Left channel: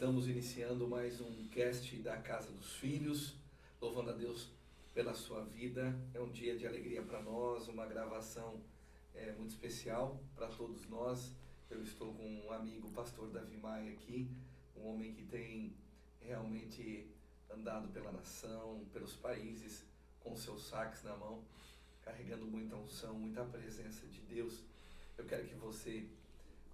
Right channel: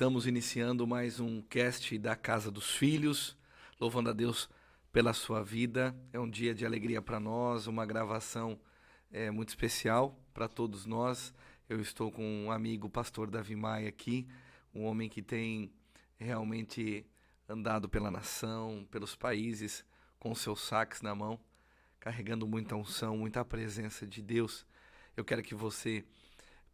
Estamos iniciando mais um cast da Casa dos Filhos, louvando a Deus pela sua vida. É um dia de alegria para nós, uma gravação muito especial para todos nós. Eu estou com um amigo, o pastor Davi Maia, aqui, um homem que tem realmente andado pela nação, pelos países, com seus saques na mão, carregando muita unção, muita presença de Deus. Eu quero que você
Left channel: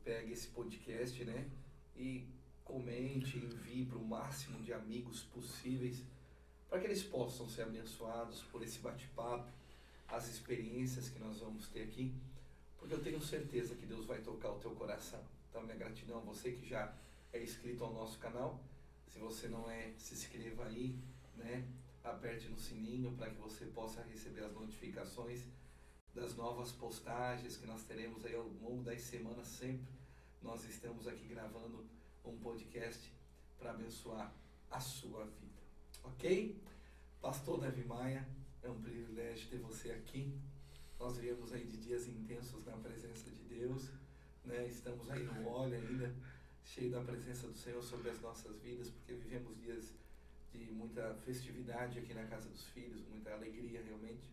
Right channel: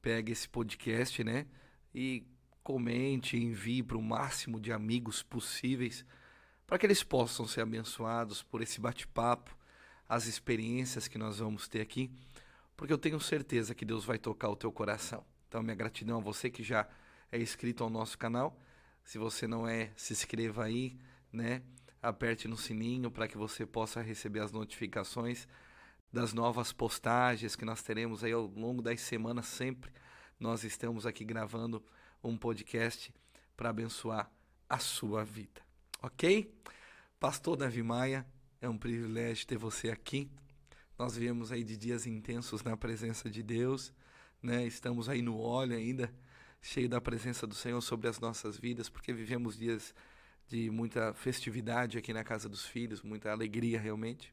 pegue esse podcast, né, e comente, envie para o máximo de amigos possíveis, para que eles possam ser abençoados por esse bate-papo, as experiências que nós vamos ter aqui, porque eu tenho certeza que Deus vai tocar o teu coração. Então, minha gratidão a você que já é inscrito ao nosso canal. Se você não é, se inscreva aí, né? Aperte no sininho para que você possa receber as notificações das novas postagens que nós teremos aí ao longo das semanas. Sempre nós estamos aqui gravando um podcast para abençoar a sua vida, ok? Pastor Davi Maia, é um privilégio ter você aqui. Nós viemos aí de dias intensos na presença de Deus, né? Estamos aí no óleo ainda, cheio da presença do Senhor sobre as nossas vidas, porque vivemos dias de muita festividade aqui na Casa dos Filhos, muita alegria realmente.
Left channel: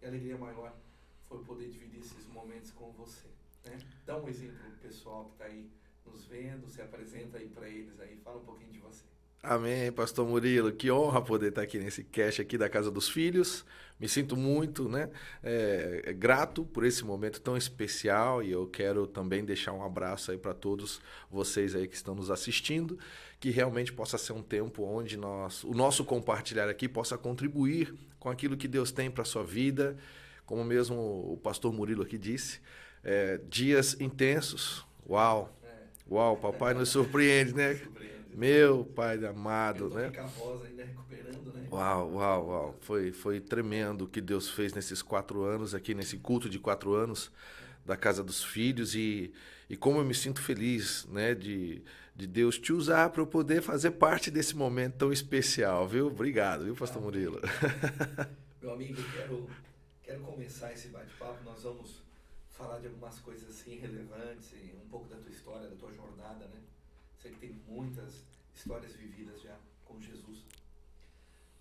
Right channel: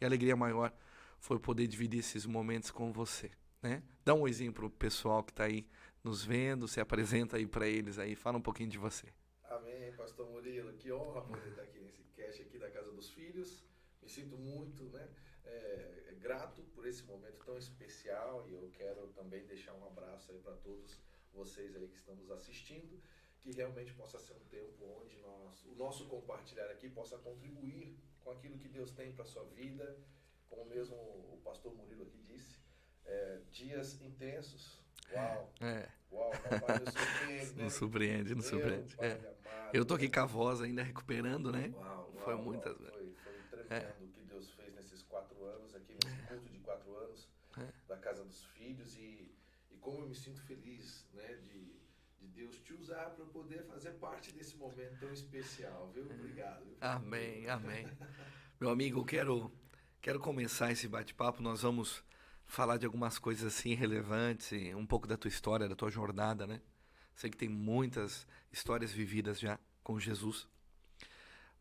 E a alegria maior foi poder dividir esses momentos com você, né? Dá um oizinho pro pessoal que está aí nos vendo, se apresenta aí para eles aí, fala um pouquinho de você. Amém, pastor Murilo, que honra poder estar aqui nesse cast aqui da Casa dos Filhos. Me sinto muito, né, grato por esse momento tão especial, e eu quero também deixar um abraço aí para todos vocês aí que estão nos assistindo, que realmente possa ser um tempo onde o nosso compartilhar aqui possa contribuir com aquilo que Deus tem para a sua vida. Como mesmo o pastor Murilo aqui disse, dias intensos. Uau! Uau, papai nos surpreende, né? Nos surpreende. Meu pai amado. Eu tô aqui né? com a voz ainda recuperando, né? Uau. Foi tremendo o que Deus fez nesses 4 anos aqui, nesse culto de 4 anos da Casa dos Filhos. E como eu me sinto feliz, né, de Deus te usar para eu poder fazer parte desse momento tão especial, viu? Obrigado, viu, pastor Murilo? Amém. Meu amigo, quero começar esse bate-papo. Nós vamos falar de algumas coisas assim relevantes, um pouco da tua história, da tua jornada, né? Sei que tem muitas histórias vividas já com Jesus.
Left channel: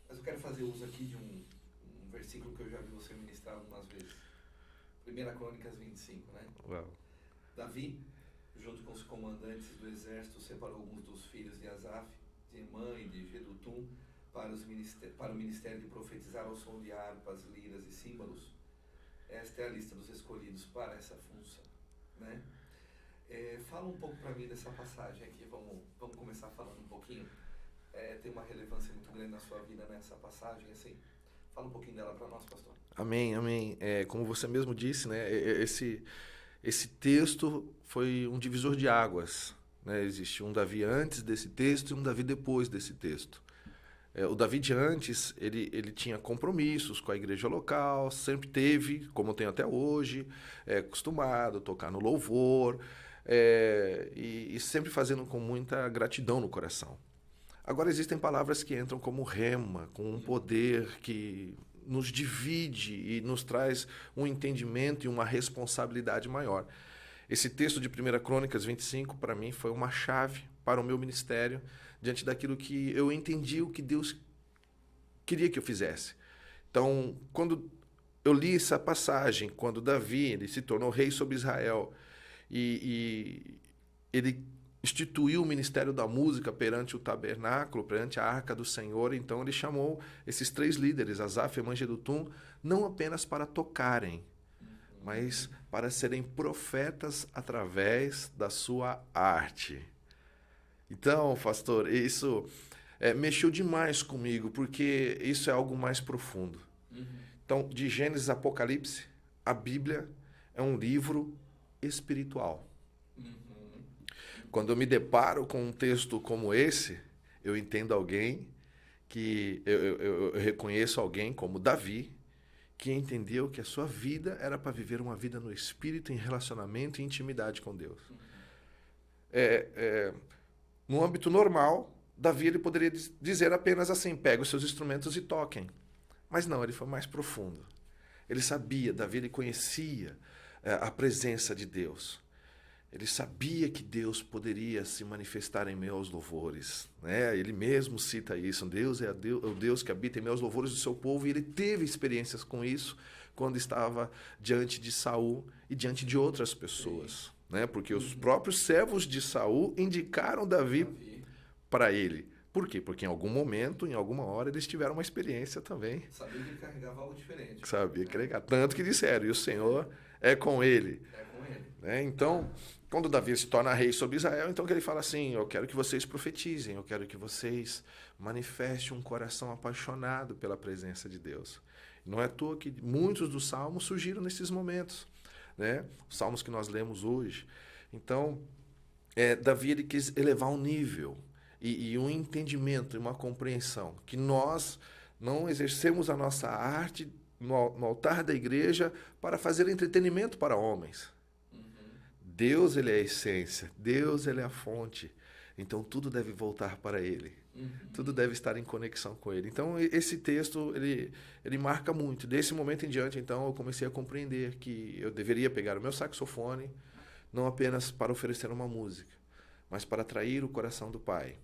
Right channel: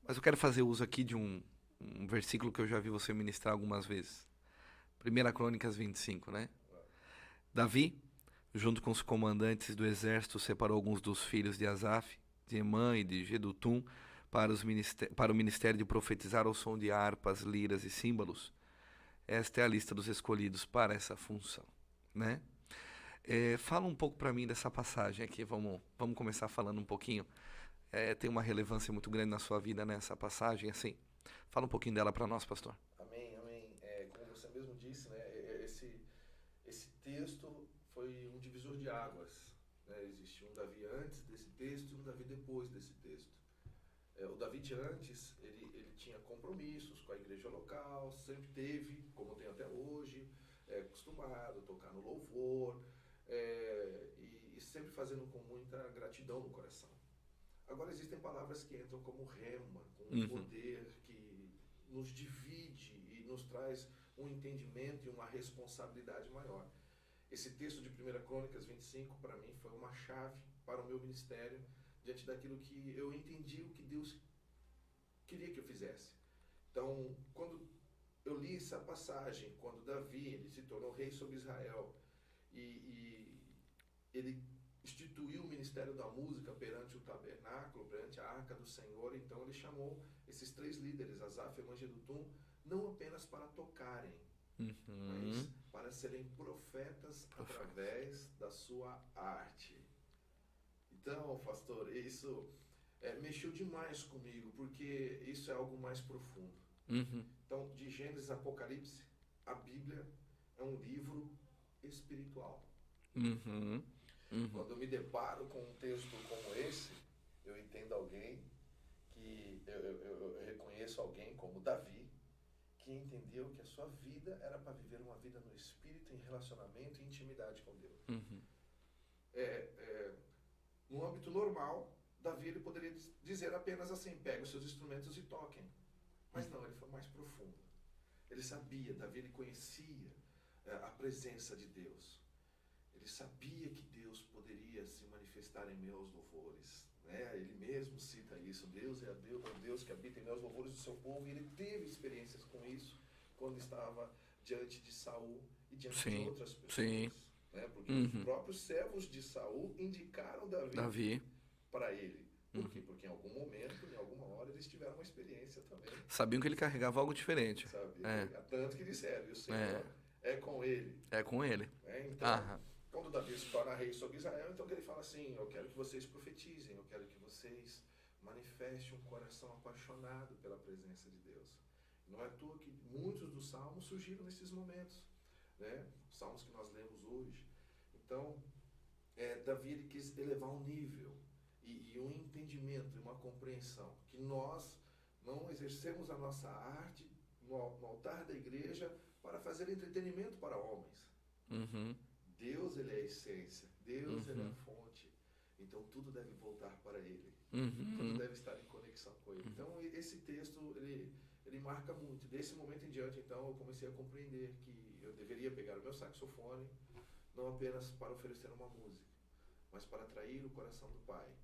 Mas eu quero fazer uso aqui de um versículo que eu já vi você ministrar algumas vezes. 1 Crônicas 25, né? Uau. Davi, junto com os comandantes do exército, separou alguns dos filhos de Asaf, de Emã e de Jedutum para o ministério de profetizar ao som de harpas, liras e símbolos. Esta é a lista dos escolhidos para essa função, né? Fala um pouco para mim dessa passagem aqui. Vamos começar falando um pouquinho. Tem uma relevância muito grande na sua vida nessa passagem, assim. Fala um pouquinho dela para nós, pastor. Amém. Como você mesmo disse, né? Esse texto foi um divisor de águas, né? Existe um Davi antes desse texto e um Davi depois desse texto. O Davi de antes, ele tinha compromissos com a igreja local, sempre teve, como tem até hoje, acostumado a tocar no louvor, e sempre fazendo com muita gratidão no coração. Agora existem palavras que entram como rema, com um poder que nos divide e nos traz um entendimento e uma responsabilidade maior. Esse texto de 1 Crônicas 25, para mim, foi uma chave para o meu ministério, diante daquilo que eu entendi o que Deus queria que eu fizesse. Então, quando eu li essa passagem, quando Davi ele se tornou rei sobre Israel e ele instituiu o ministério da música perante o tabernáculo, perante a arca do Senhor, então ele chamou esses 3 líderes, Asaf, Emã e Jedutum, não apenas para tocarem, mas para serem profetas através da sua arte. Então, pastor, isso mexeu demais comigo, porque isso é algo mais profundo. Então, de Gênesis a Apocalipse, a Bíblia é um livro espiritual. Quando eu me deparo com um texto como esse, eu entendo alguém que eu reconheço alguém como Davi, que entendeu que a sua vida era para viver uma vida no Espírito, em relacionamento e intimidade com Deus. No âmbito normal, Davi ele poderia dizer apenas assim, pega os seus instrumentos e toquem. Mas não, ele foi mais profundo. Ele sabia, Davi ele conhecia a presença de Deus. Ele sabia que Deus poderia se manifestar em meus louvores, né? Ele mesmo cita isso. Deus é o Deus que habita em meus louvores do seu povo, e ele teve experiências com isso quando estava diante de Saul e diante de outras pessoas, né? Porque os próprios servos de Saul indicaram Davi para ele. Por quê? Porque em algum momento, em alguma hora, eles tiveram uma experiência também. Sabiam que ele carregava algo diferente. Sabia que carregava. Tanto que disseram, e o Senhor é com ele. É com ele. Né? Então, quando Davi se torna rei sobre Israel, então que ele fala assim, eu quero que vocês profetizem, eu quero que vocês manifestem um coração apaixonado pela presença de Deus. Não é à toa que muitos dos salmos surgiram nesses momentos, né? Os salmos que nós lemos hoje. Então, Davi ele quis elevar um nível e um entendimento e uma compreensão que nós não exercemos a nossa arte no altar da igreja para fazer entretenimento para homens. Deus, ele é a essência. Deus, ele é a fonte. Então, tudo deve voltar para ele. Tudo deve estar em conexão com ele. Então, esse texto, ele marca muito. Desse momento em diante, então, eu comecei a compreender que eu deveria pegar o meu saxofone, não apenas para oferecer uma música, mas para atrair o coração do Pai,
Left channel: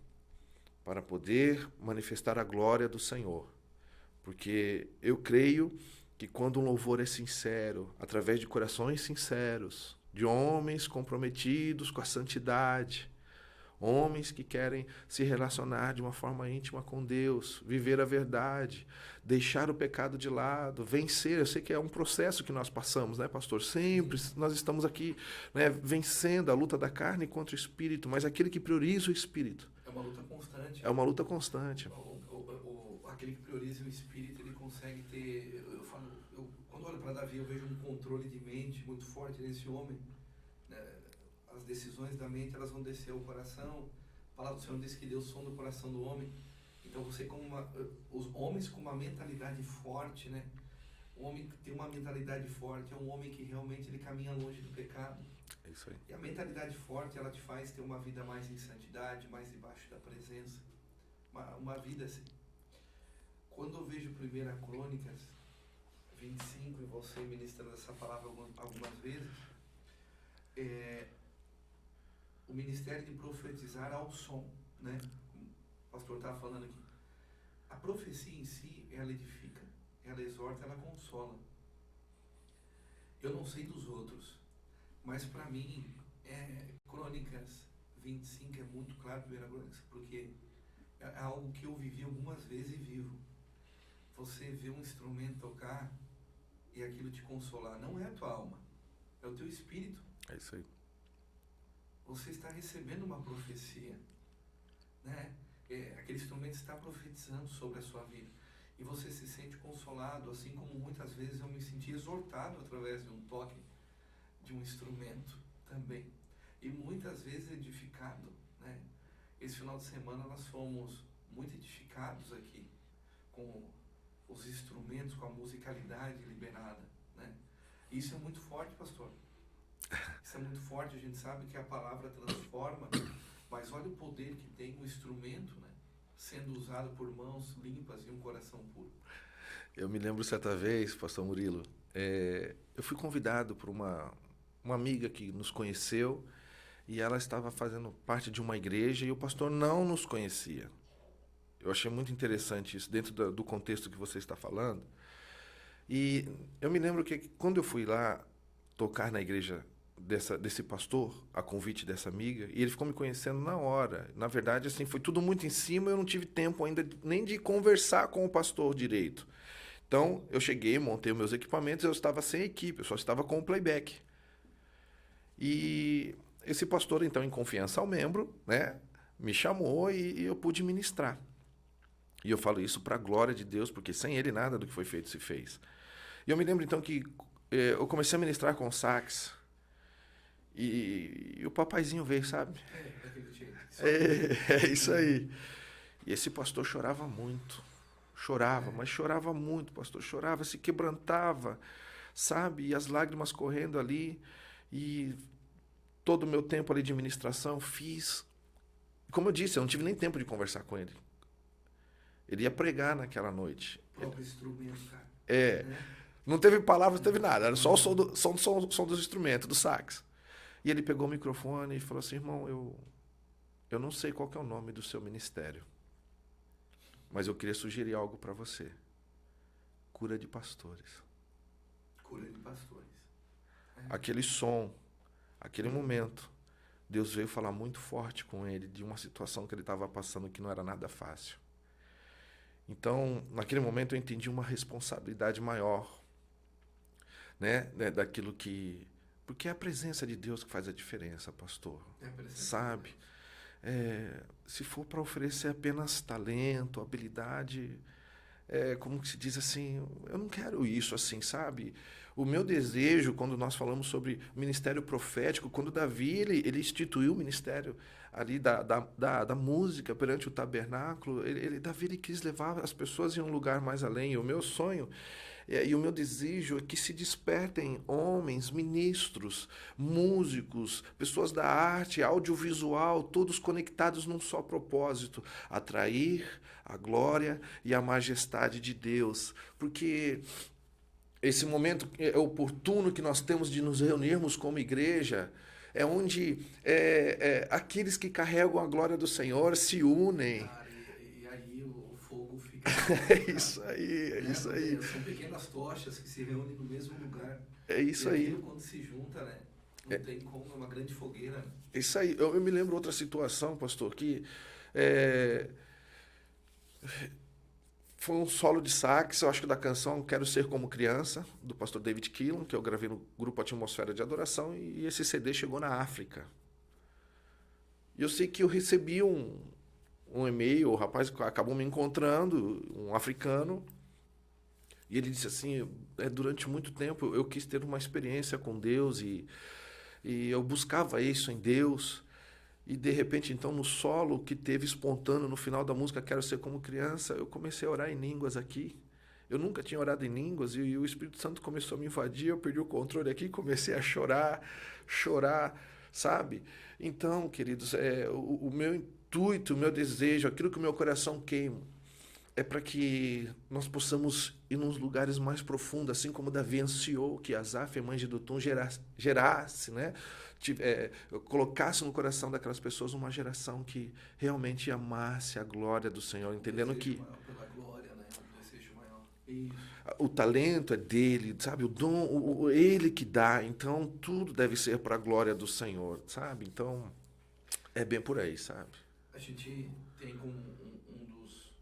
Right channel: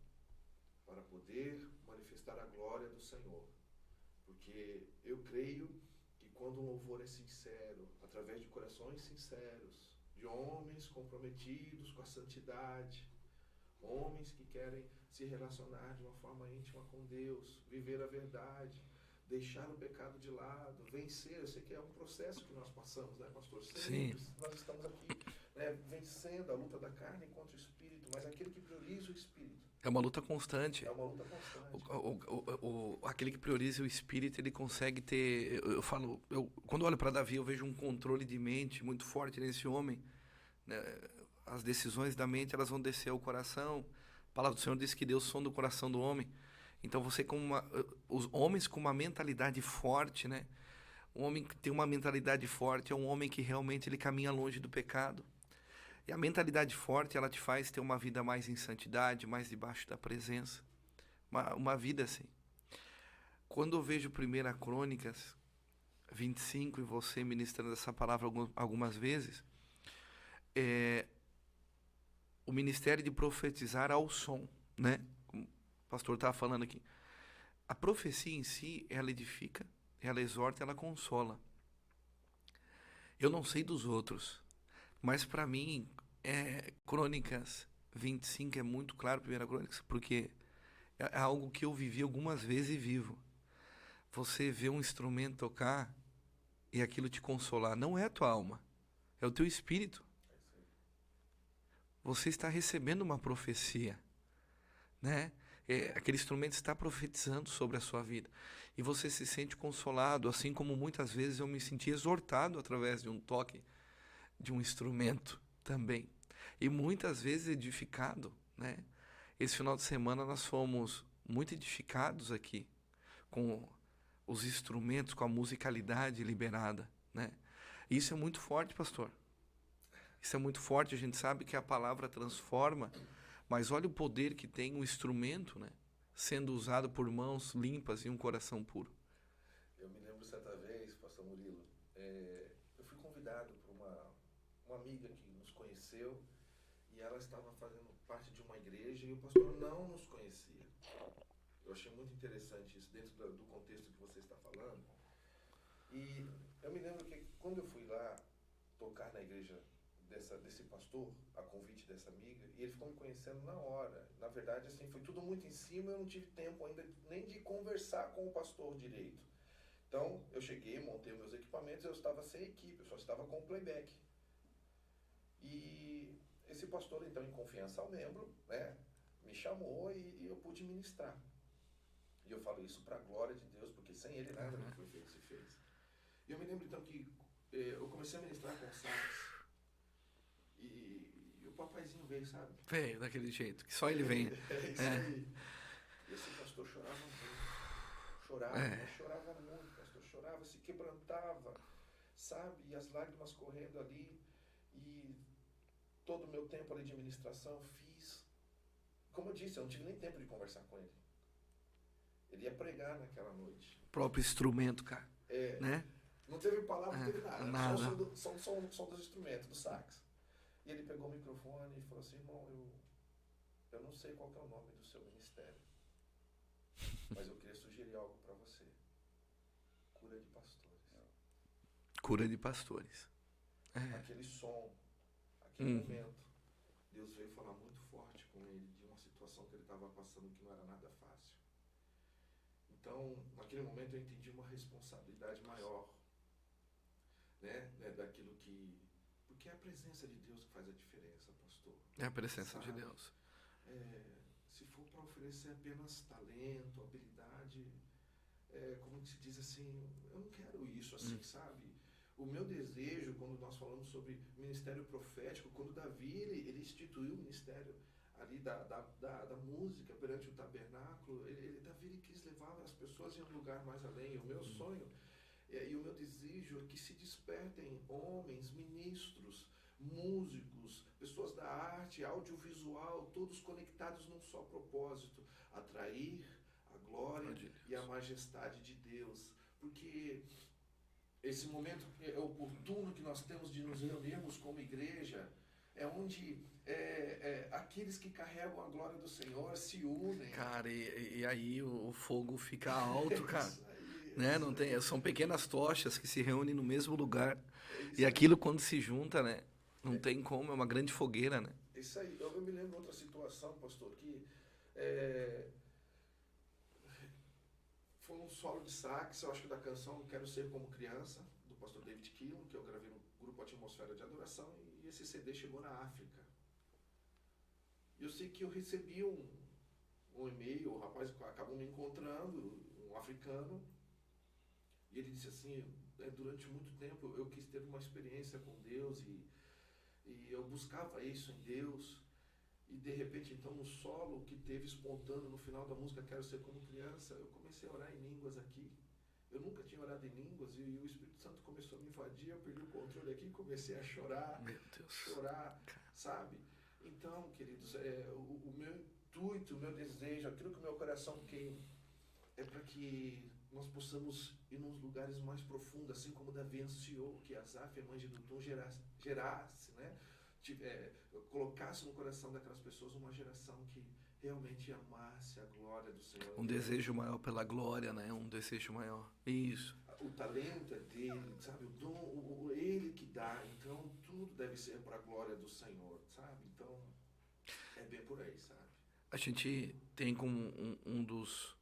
para poder manifestar a glória do Senhor. Porque eu creio que quando um louvor é sincero, através de corações sinceros, de homens comprometidos com a santidade, homens que querem se relacionar de uma forma íntima com Deus, viver a verdade, deixar o pecado de lado, vencer. Eu sei que é um processo que nós passamos, né, pastor? Sempre nós estamos aqui, né, vencendo a luta da carne contra o espírito, mas aquele que prioriza o espírito. É uma luta constante. É uma luta constante. Aquele que prioriza o espírito, ele consegue ter... Quando eu olho para Davi, eu vejo um controle de mente muito forte nesse homem. As decisões da mente, elas vão descer ao coração. A palavra do Senhor diz que Deus sonda o coração do homem. Então, os homens com uma mentalidade forte, né? Um homem que tem uma mentalidade forte é um homem que realmente ele caminha longe do pecado. E a mentalidade forte, ela te faz ter uma vida mais em santidade, mais debaixo da presença. Uma vida assim. Quando eu vejo 1 Crônicas 25, e você ministrando essa palavra algumas vezes, o ministério de profetizar ao som, né? Como o pastor estava falando aqui. A profecia em si, ela edifica, ela exorta, ela consola. Eu não sei dos outros, mas para mim, Crônicas 25 é muito claro, 1 Crônicas, porque é algo que eu vivi algumas vezes e vivo. Você vê um instrumento tocar e aquilo te consolar. Não é a tua alma, é o teu espírito. É isso aí. Você está recebendo uma profecia, né? Aquele instrumento está profetizando sobre a sua vida. E você se sente consolado, assim como muitas vezes eu me senti exortado através de um toque de um instrumento também. E muitas vezes edificado, né? Esse final de semana nós fomos muito edificados aqui com os instrumentos, com a musicalidade liberada, né? E isso é muito forte, pastor. Isso é muito forte. A gente sabe que a palavra transforma, mas olha o poder que tem um instrumento, né? Sendo usado por mãos limpas e um coração puro. Eu me lembro certa vez, pastor Murilo, eu fui convidado por uma amiga que nos conheceu, e ela estava fazendo parte de uma igreja e o pastor não nos conhecia. Eu achei muito interessante isso, dentro do contexto que você está falando. E eu me lembro que quando eu fui lá tocar na igreja desse pastor, a convite dessa amiga, e ele ficou me conhecendo na hora. Na verdade, assim, foi tudo muito em cima, eu não tive tempo ainda nem de conversar com o pastor direito. Então, eu cheguei, montei meus equipamentos, eu estava sem equipe, eu só estava com o playback. E esse pastor, então, em confiança ao membro, né, me chamou e eu pude ministrar. E eu falo isso para a glória de Deus, porque sem ele nada do que foi feito se fez. E eu me lembro, então, que eu comecei a ministrar com sax. E o papaizinho veio, sabe? Veio, daquele jeito. É isso aí. E esse pastor chorava muito. Mas chorava muito, pastor. Chorava, se quebrantava, sabe? E as lágrimas correndo ali. E todo o meu tempo ali de ministração fiz. Como eu disse, eu não tive nem tempo de conversar com ele. Ele ia pregar naquela noite. O próprio instrumento, cara. Né? Não teve palavras, não teve nada. Era só o som dos instrumentos, do sax. E ele pegou o microfone e falou assim, irmão, eu não sei qual que é o nome do seu ministério, mas eu queria sugerir algo para você. Cura de pastores. Cura de pastores. Aquele som, aquele momento, Deus veio falar muito forte com ele de uma situação que ele estava passando que não era nada fácil. Então, naquele momento eu entendi uma responsabilidade maior, né, daquilo que... Porque é a presença de Deus que faz a diferença, pastor. É a presença sabe? de Deus. Se for para oferecer apenas talento, habilidade, como que se diz assim, eu não quero isso assim, sabe? O meu desejo, quando nós falamos sobre ministério profético, quando Davi ele instituiu o ministério ali da música perante o tabernáculo, Davi ele quis levar as pessoas em um lugar mais além. E o meu sonho e o meu desejo é que se despertem homens, ministros, músicos, pessoas da arte, audiovisual, todos conectados num só propósito: atrair a glória e a majestade de Deus. Porque esse momento é oportuno que nós temos de nos reunirmos como igreja, é onde aqueles que carregam a glória do Senhor se unem. Cara, e aí o fogo fica alto, cara. Isso aí, Né? isso aí. São pequenas tochas que se reúnem no mesmo lugar. É isso e aí. aquilo quando se junta, né? Não tem como, é uma grande fogueira, né? Isso aí. Eu me lembro outra situação, pastor, que foi um solo de sax, eu acho que da canção Quero Ser Como Criança, do pastor David Keelan, que eu gravei no grupo Atmosfera de Adoração, e esse CD chegou na África. E eu sei que eu recebi um e-mail, o rapaz acabou me encontrando, um africano, e ele disse assim, durante muito tempo eu quis ter uma experiência com Deus, e eu buscava isso em Deus, e de repente então no solo que teve espontâneo no final da música Quero Ser Como Criança, eu comecei a orar em línguas aqui. Eu nunca tinha orado em línguas, e o Espírito Santo começou a me invadir, eu perdi o controle aqui, comecei a chorar, sabe? Então, queridos, o meu intuito, o meu desejo, aquilo que o meu coração queima, é para que nós possamos ir nos lugares mais profundos, assim como Davi ansiou que Asaf, a mãe de Dutum, gerasse, né? Colocasse no coração daquelas pessoas uma geração que realmente amasse a glória do Senhor, entendendo desejo que maior pela glória, né? Um desejo maior. Isso. O talento é dele, sabe? O dom, ele que dá. Então, tudo deve ser para a glória do Senhor, sabe? Então, é bem por aí, sabe? A gente tem como um dos...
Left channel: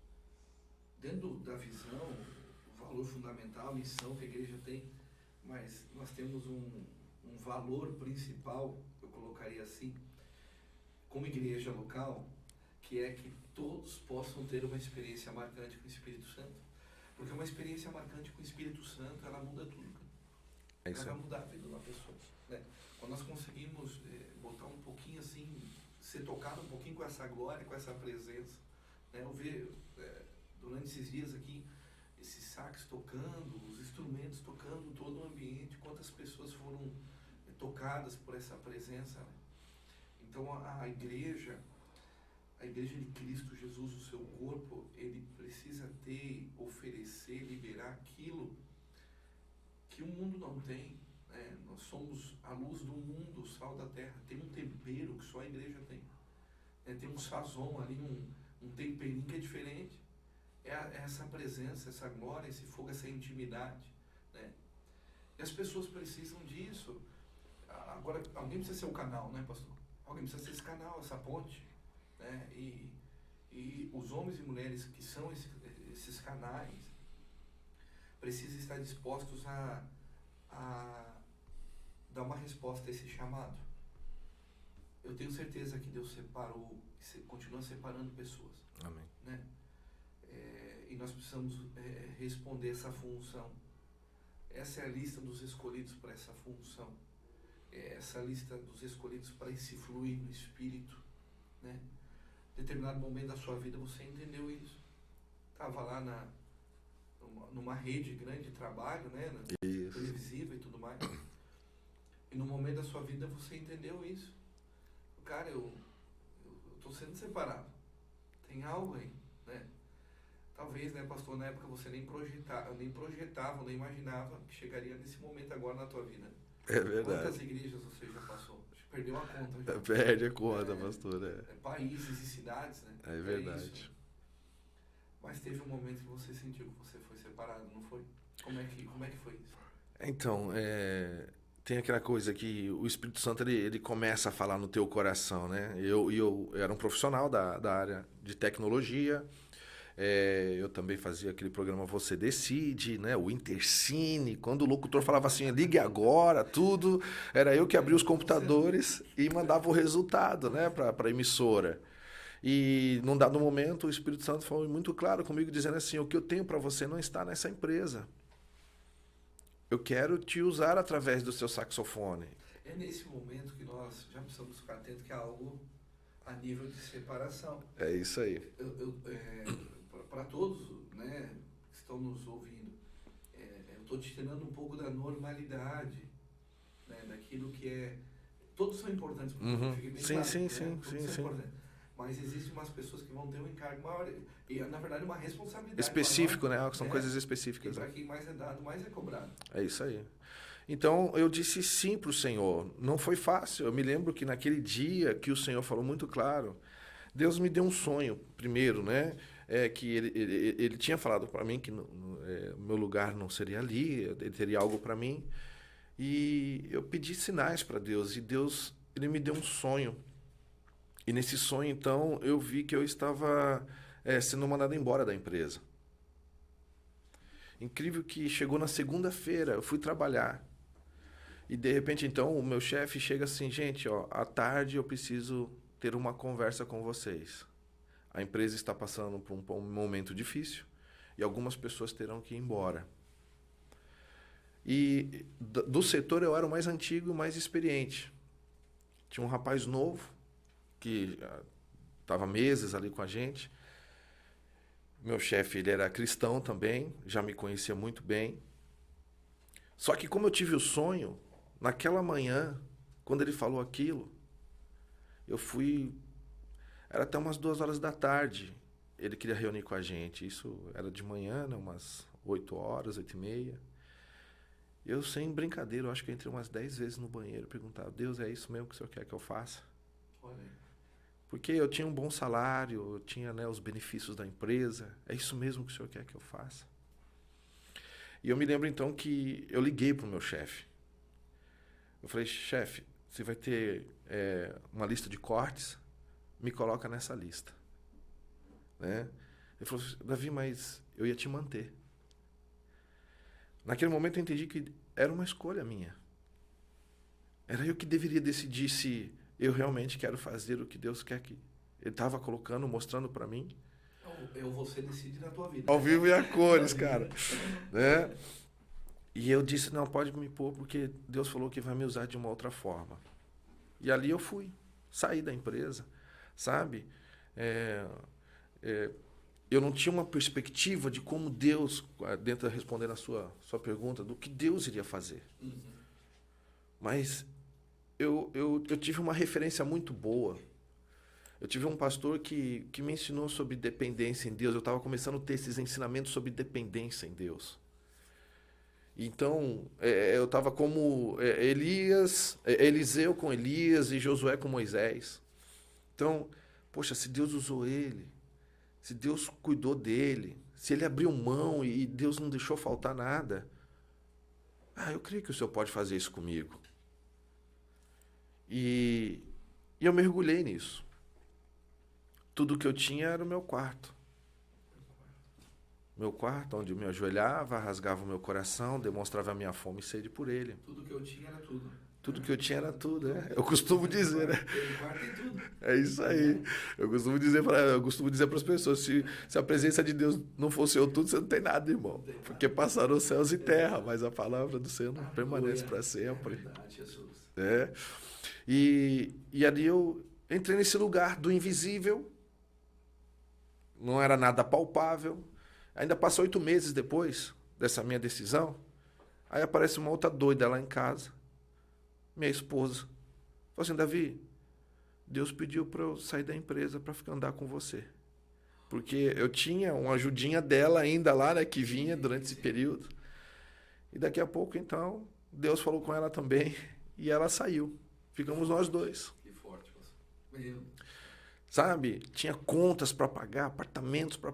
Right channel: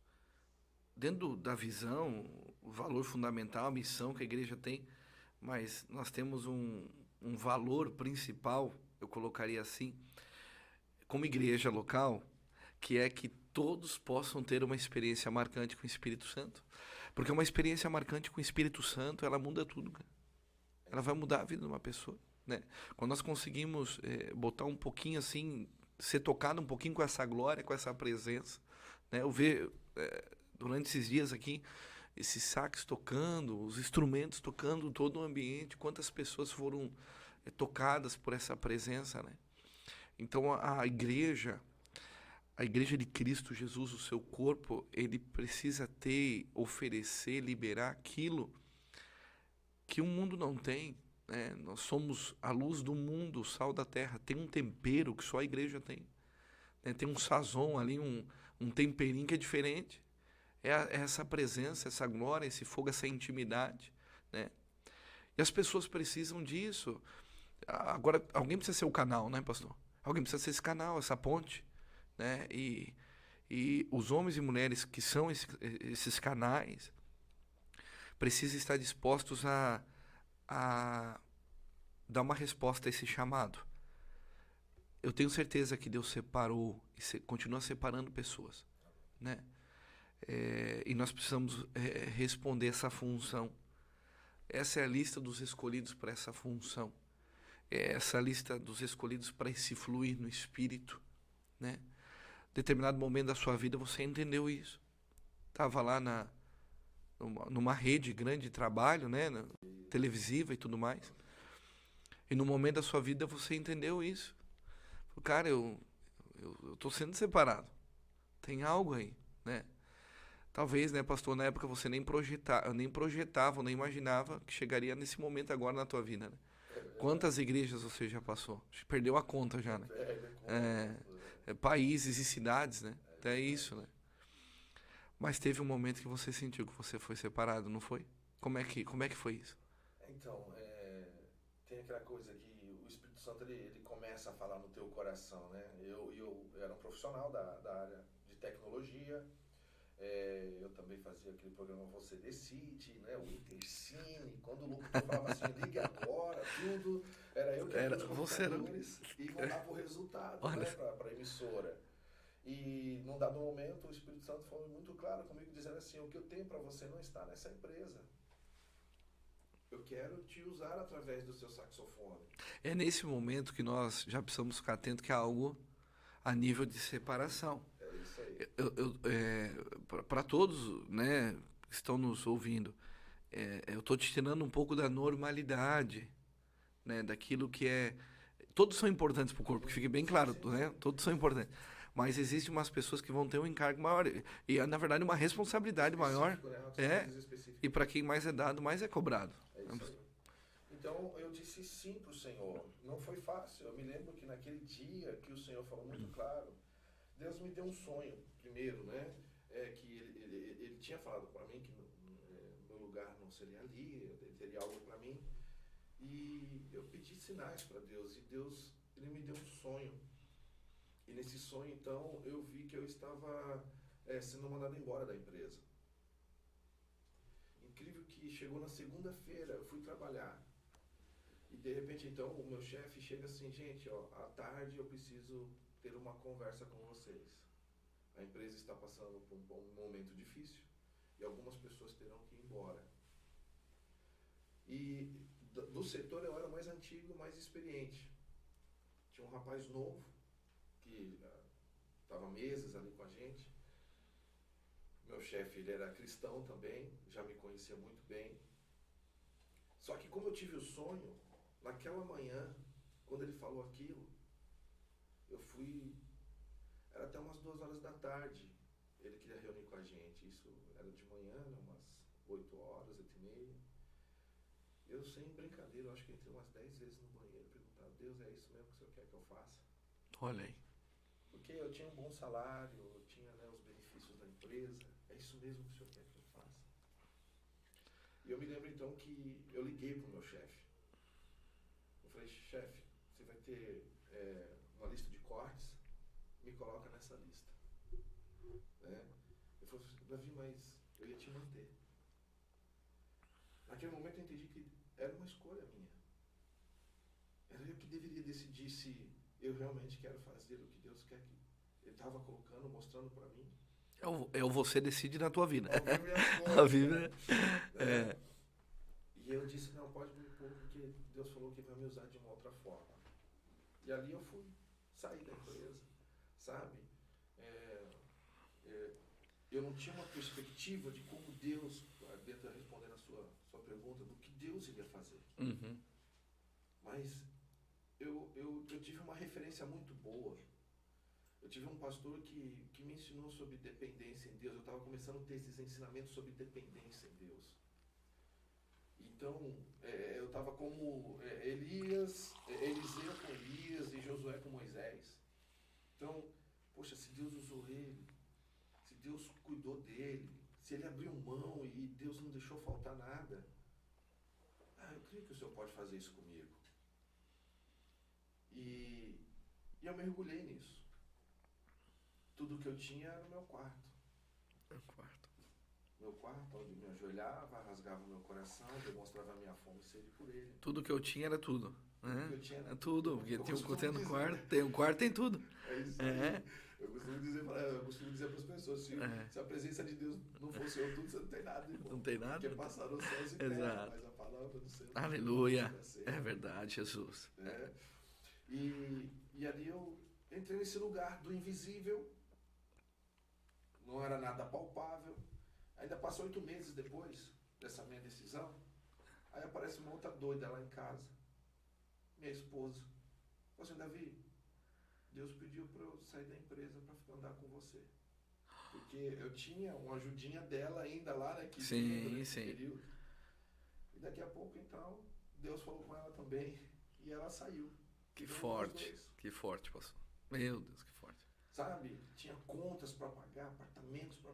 Dentro da visão, o valor fundamental, a missão que a igreja tem, mas nós temos um valor principal, eu colocaria assim, como igreja local, que é que todos possam ter uma experiência marcante com o Espírito Santo. Porque uma experiência marcante com o Espírito Santo, ela muda tudo, cara. Ela vai mudar a vida de uma pessoa, né? Quando nós conseguimos botar um pouquinho assim, ser tocado um pouquinho com essa glória, com essa presença, né? Eu vejo durante esses dias aqui, esses sax tocando, os instrumentos tocando, todo o ambiente, quantas pessoas foram tocadas por essa presença, né? Então a igreja de Cristo Jesus, o seu corpo, ele precisa ter, oferecer, liberar aquilo que o mundo não tem, né? Nós somos a luz do mundo, o sal da terra. Tem um tempero que só a igreja tem, né? Tem um sazon ali, um temperinho que é diferente. É essa presença, essa glória, esse fogo, essa intimidade, né? E as pessoas precisam disso. Agora, alguém precisa ser o canal, né, pastor? Alguém precisa ser esse canal, essa ponte, né? E os homens e mulheres que são esses canais precisam estar dispostos a dar uma resposta a esse chamado. Eu tenho certeza que Deus separou e continua separando pessoas. Amém. Né? E nós precisamos responder essa função. Essa é a lista dos escolhidos para essa função. Essa lista dos escolhidos para esse fluir no Espírito, né? Determinado momento da sua vida você entendeu isso. Estava lá numa rede grande de trabalho, né? Televisiva e tudo mais. E no momento da sua vida você entendeu isso. Cara, eu estou sendo separado. Tem algo aí, né? Talvez, né, pastor, na época você nem projetava, nem imaginava que chegaria nesse momento agora na tua vida, né? É verdade. Quantas igrejas você já passou? Perdeu a conta já. Perde a conta, pastor. Países e cidades, né? É Até verdade. isso, né? Mas teve um momento que você sentiu que você foi separado, não foi? Como é que foi isso? Então, tem aquela coisa que o Espírito Santo ele começa a falar no teu coração, né? Eu era um profissional da área de tecnologia. Eu também fazia aquele programa Você Decide, né? O Intercine. Quando o locutor falava assim, ligue agora, tudo, era eu que abria os computadores e mandava o resultado, né? Para a emissora. E num dado momento o Espírito Santo falou muito claro comigo, dizendo assim: o que eu tenho para você não está nessa empresa. Eu quero te usar através do seu saxofone. É nesse momento que nós já precisamos ficar atentos que é algo a nível de separação. É isso aí. Para todos, né, que estão nos ouvindo, eu estou te tirando um pouco da normalidade, né, daquilo que é... Todos são importantes para o corpo, que fique bem claro, né? Todos são importantes. Mas existem umas pessoas que vão ter um encargo maior e, na verdade, uma responsabilidade específico, maior. Né? São coisas específicas. E para quem mais é dado, mais é cobrado. É isso aí. Então, eu disse sim para o Senhor. Não foi fácil. Eu me lembro que naquele dia que o Senhor falou muito claro, Deus me deu um sonho, primeiro, né? Que ele tinha falado para mim que meu lugar não seria ali, ele teria algo para mim. E eu pedi sinais para Deus, e Deus ele me deu um sonho. E nesse sonho, então, eu vi que eu estava sendo mandado embora da empresa. Incrível que chegou na segunda-feira, eu fui trabalhar. E, de repente, então, o meu chefe chega assim: gente, ó, à tarde eu preciso ter uma conversa com vocês. A empresa está passando por um momento difícil e algumas pessoas terão que ir embora. E do setor eu era o mais antigo e o mais experiente. Tinha um rapaz novo que estava meses ali com a gente. Meu chefe, ele era cristão também, já me conhecia muito bem. Só que como eu tive o sonho, naquela manhã, quando ele falou aquilo, eu fui... Era até umas 2 horas da tarde. Ele queria reunir com a gente. Isso era de manhã, né? Umas 8 horas, 8h30. Eu, sem brincadeira, eu acho que eu entrei umas 10 vezes no banheiro e perguntava: Deus, é isso mesmo que o Senhor quer que eu faça? Olha aí. Porque eu tinha um bom salário, eu tinha, né, os benefícios da empresa. É isso mesmo que o Senhor quer que eu faça? E eu me lembro então que eu liguei para o meu chefe. Eu falei: chefe, você vai ter uma lista de cortes, me coloca nessa lista. Né? Ele falou: Davi, mas eu ia te manter. Naquele momento eu entendi que era uma escolha minha. Era eu que deveria decidir se eu realmente quero fazer o que Deus quer que Ele estava colocando, mostrando para mim. É o você decide na tua vida. Ao vivo e a cores, cara. Né? E eu disse: não, pode me pôr, porque Deus falou que vai me usar de uma outra forma. E ali eu fui. Saí da empresa, sabe? Eu não tinha uma perspectiva de como Deus, dentro de responder a sua pergunta, do que Deus iria fazer. Uhum. Mas eu tive uma referência muito boa. Eu tive um pastor que me ensinou sobre dependência em Deus. Eu estava começando a ter esses ensinamentos sobre dependência em Deus. Então, eu estava como Eliseu com Elias e Josué com Moisés. Então, poxa, se Deus usou ele, se Deus cuidou dele, se ele abriu mão e Deus não deixou faltar nada, eu creio que o Senhor pode fazer isso comigo. E eu mergulhei nisso. Tudo que eu tinha era o meu quarto. Meu quarto, onde eu me ajoelhava, rasgava o meu coração, demonstrava a minha fome e sede por ele. Tudo que eu tinha era tudo. Tudo que eu tinha era tudo. Eu costumo dizer, né? O quarto tem tudo. É isso aí. Eu costumo dizer para as pessoas: se a presença de Deus não fosse eu tudo, você não tem nada, irmão. Não tem nada. Porque passaram os céus e terra, mas a palavra do Senhor não permanece para sempre. É verdade, Jesus. E ali eu entrei nesse lugar do invisível. Não era nada palpável. Ainda passou 8 meses depois dessa minha decisão. Aí aparece uma outra doida lá em casa. Minha esposa. Falou assim: Davi, Deus pediu para eu sair da empresa para ficar andar com você. Porque eu tinha uma ajudinha dela ainda lá, né, que vinha durante esse período. E daqui a pouco, então, Deus falou com ela também e ela saiu. Ficamos nós dois. Que forte, pastor. Meu Deus. Sabe? Tinha contas para pagar, apartamento para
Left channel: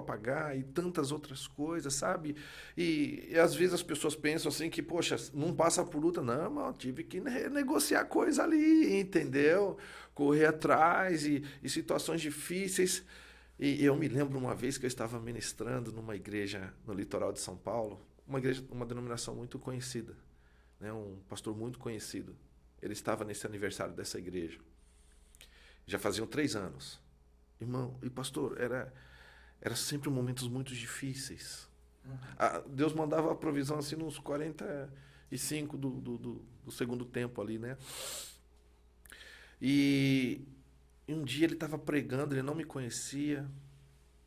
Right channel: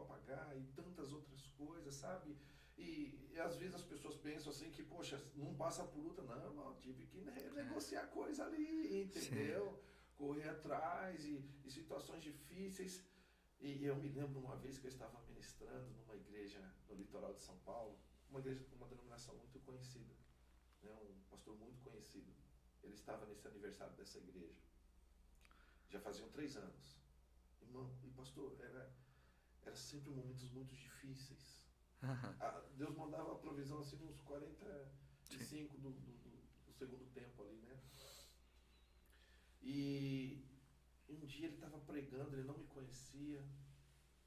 pagar e tantas outras coisas, sabe? E às vezes as pessoas pensam assim que, poxa, não passa por luta. Não, mano, tive que negociar coisa ali, entendeu? Correr atrás e situações difíceis. E eu me lembro uma vez que eu estava ministrando numa igreja no litoral de São Paulo, uma denominação muito conhecida, né? Um pastor muito conhecido. Ele estava nesse aniversário dessa igreja. Já faziam 3 anos. Irmão, e pastor, era sempre momentos muito difíceis. Deus mandava a provisão assim nos 45 do segundo tempo ali, né? E um dia ele estava pregando, ele não me conhecia.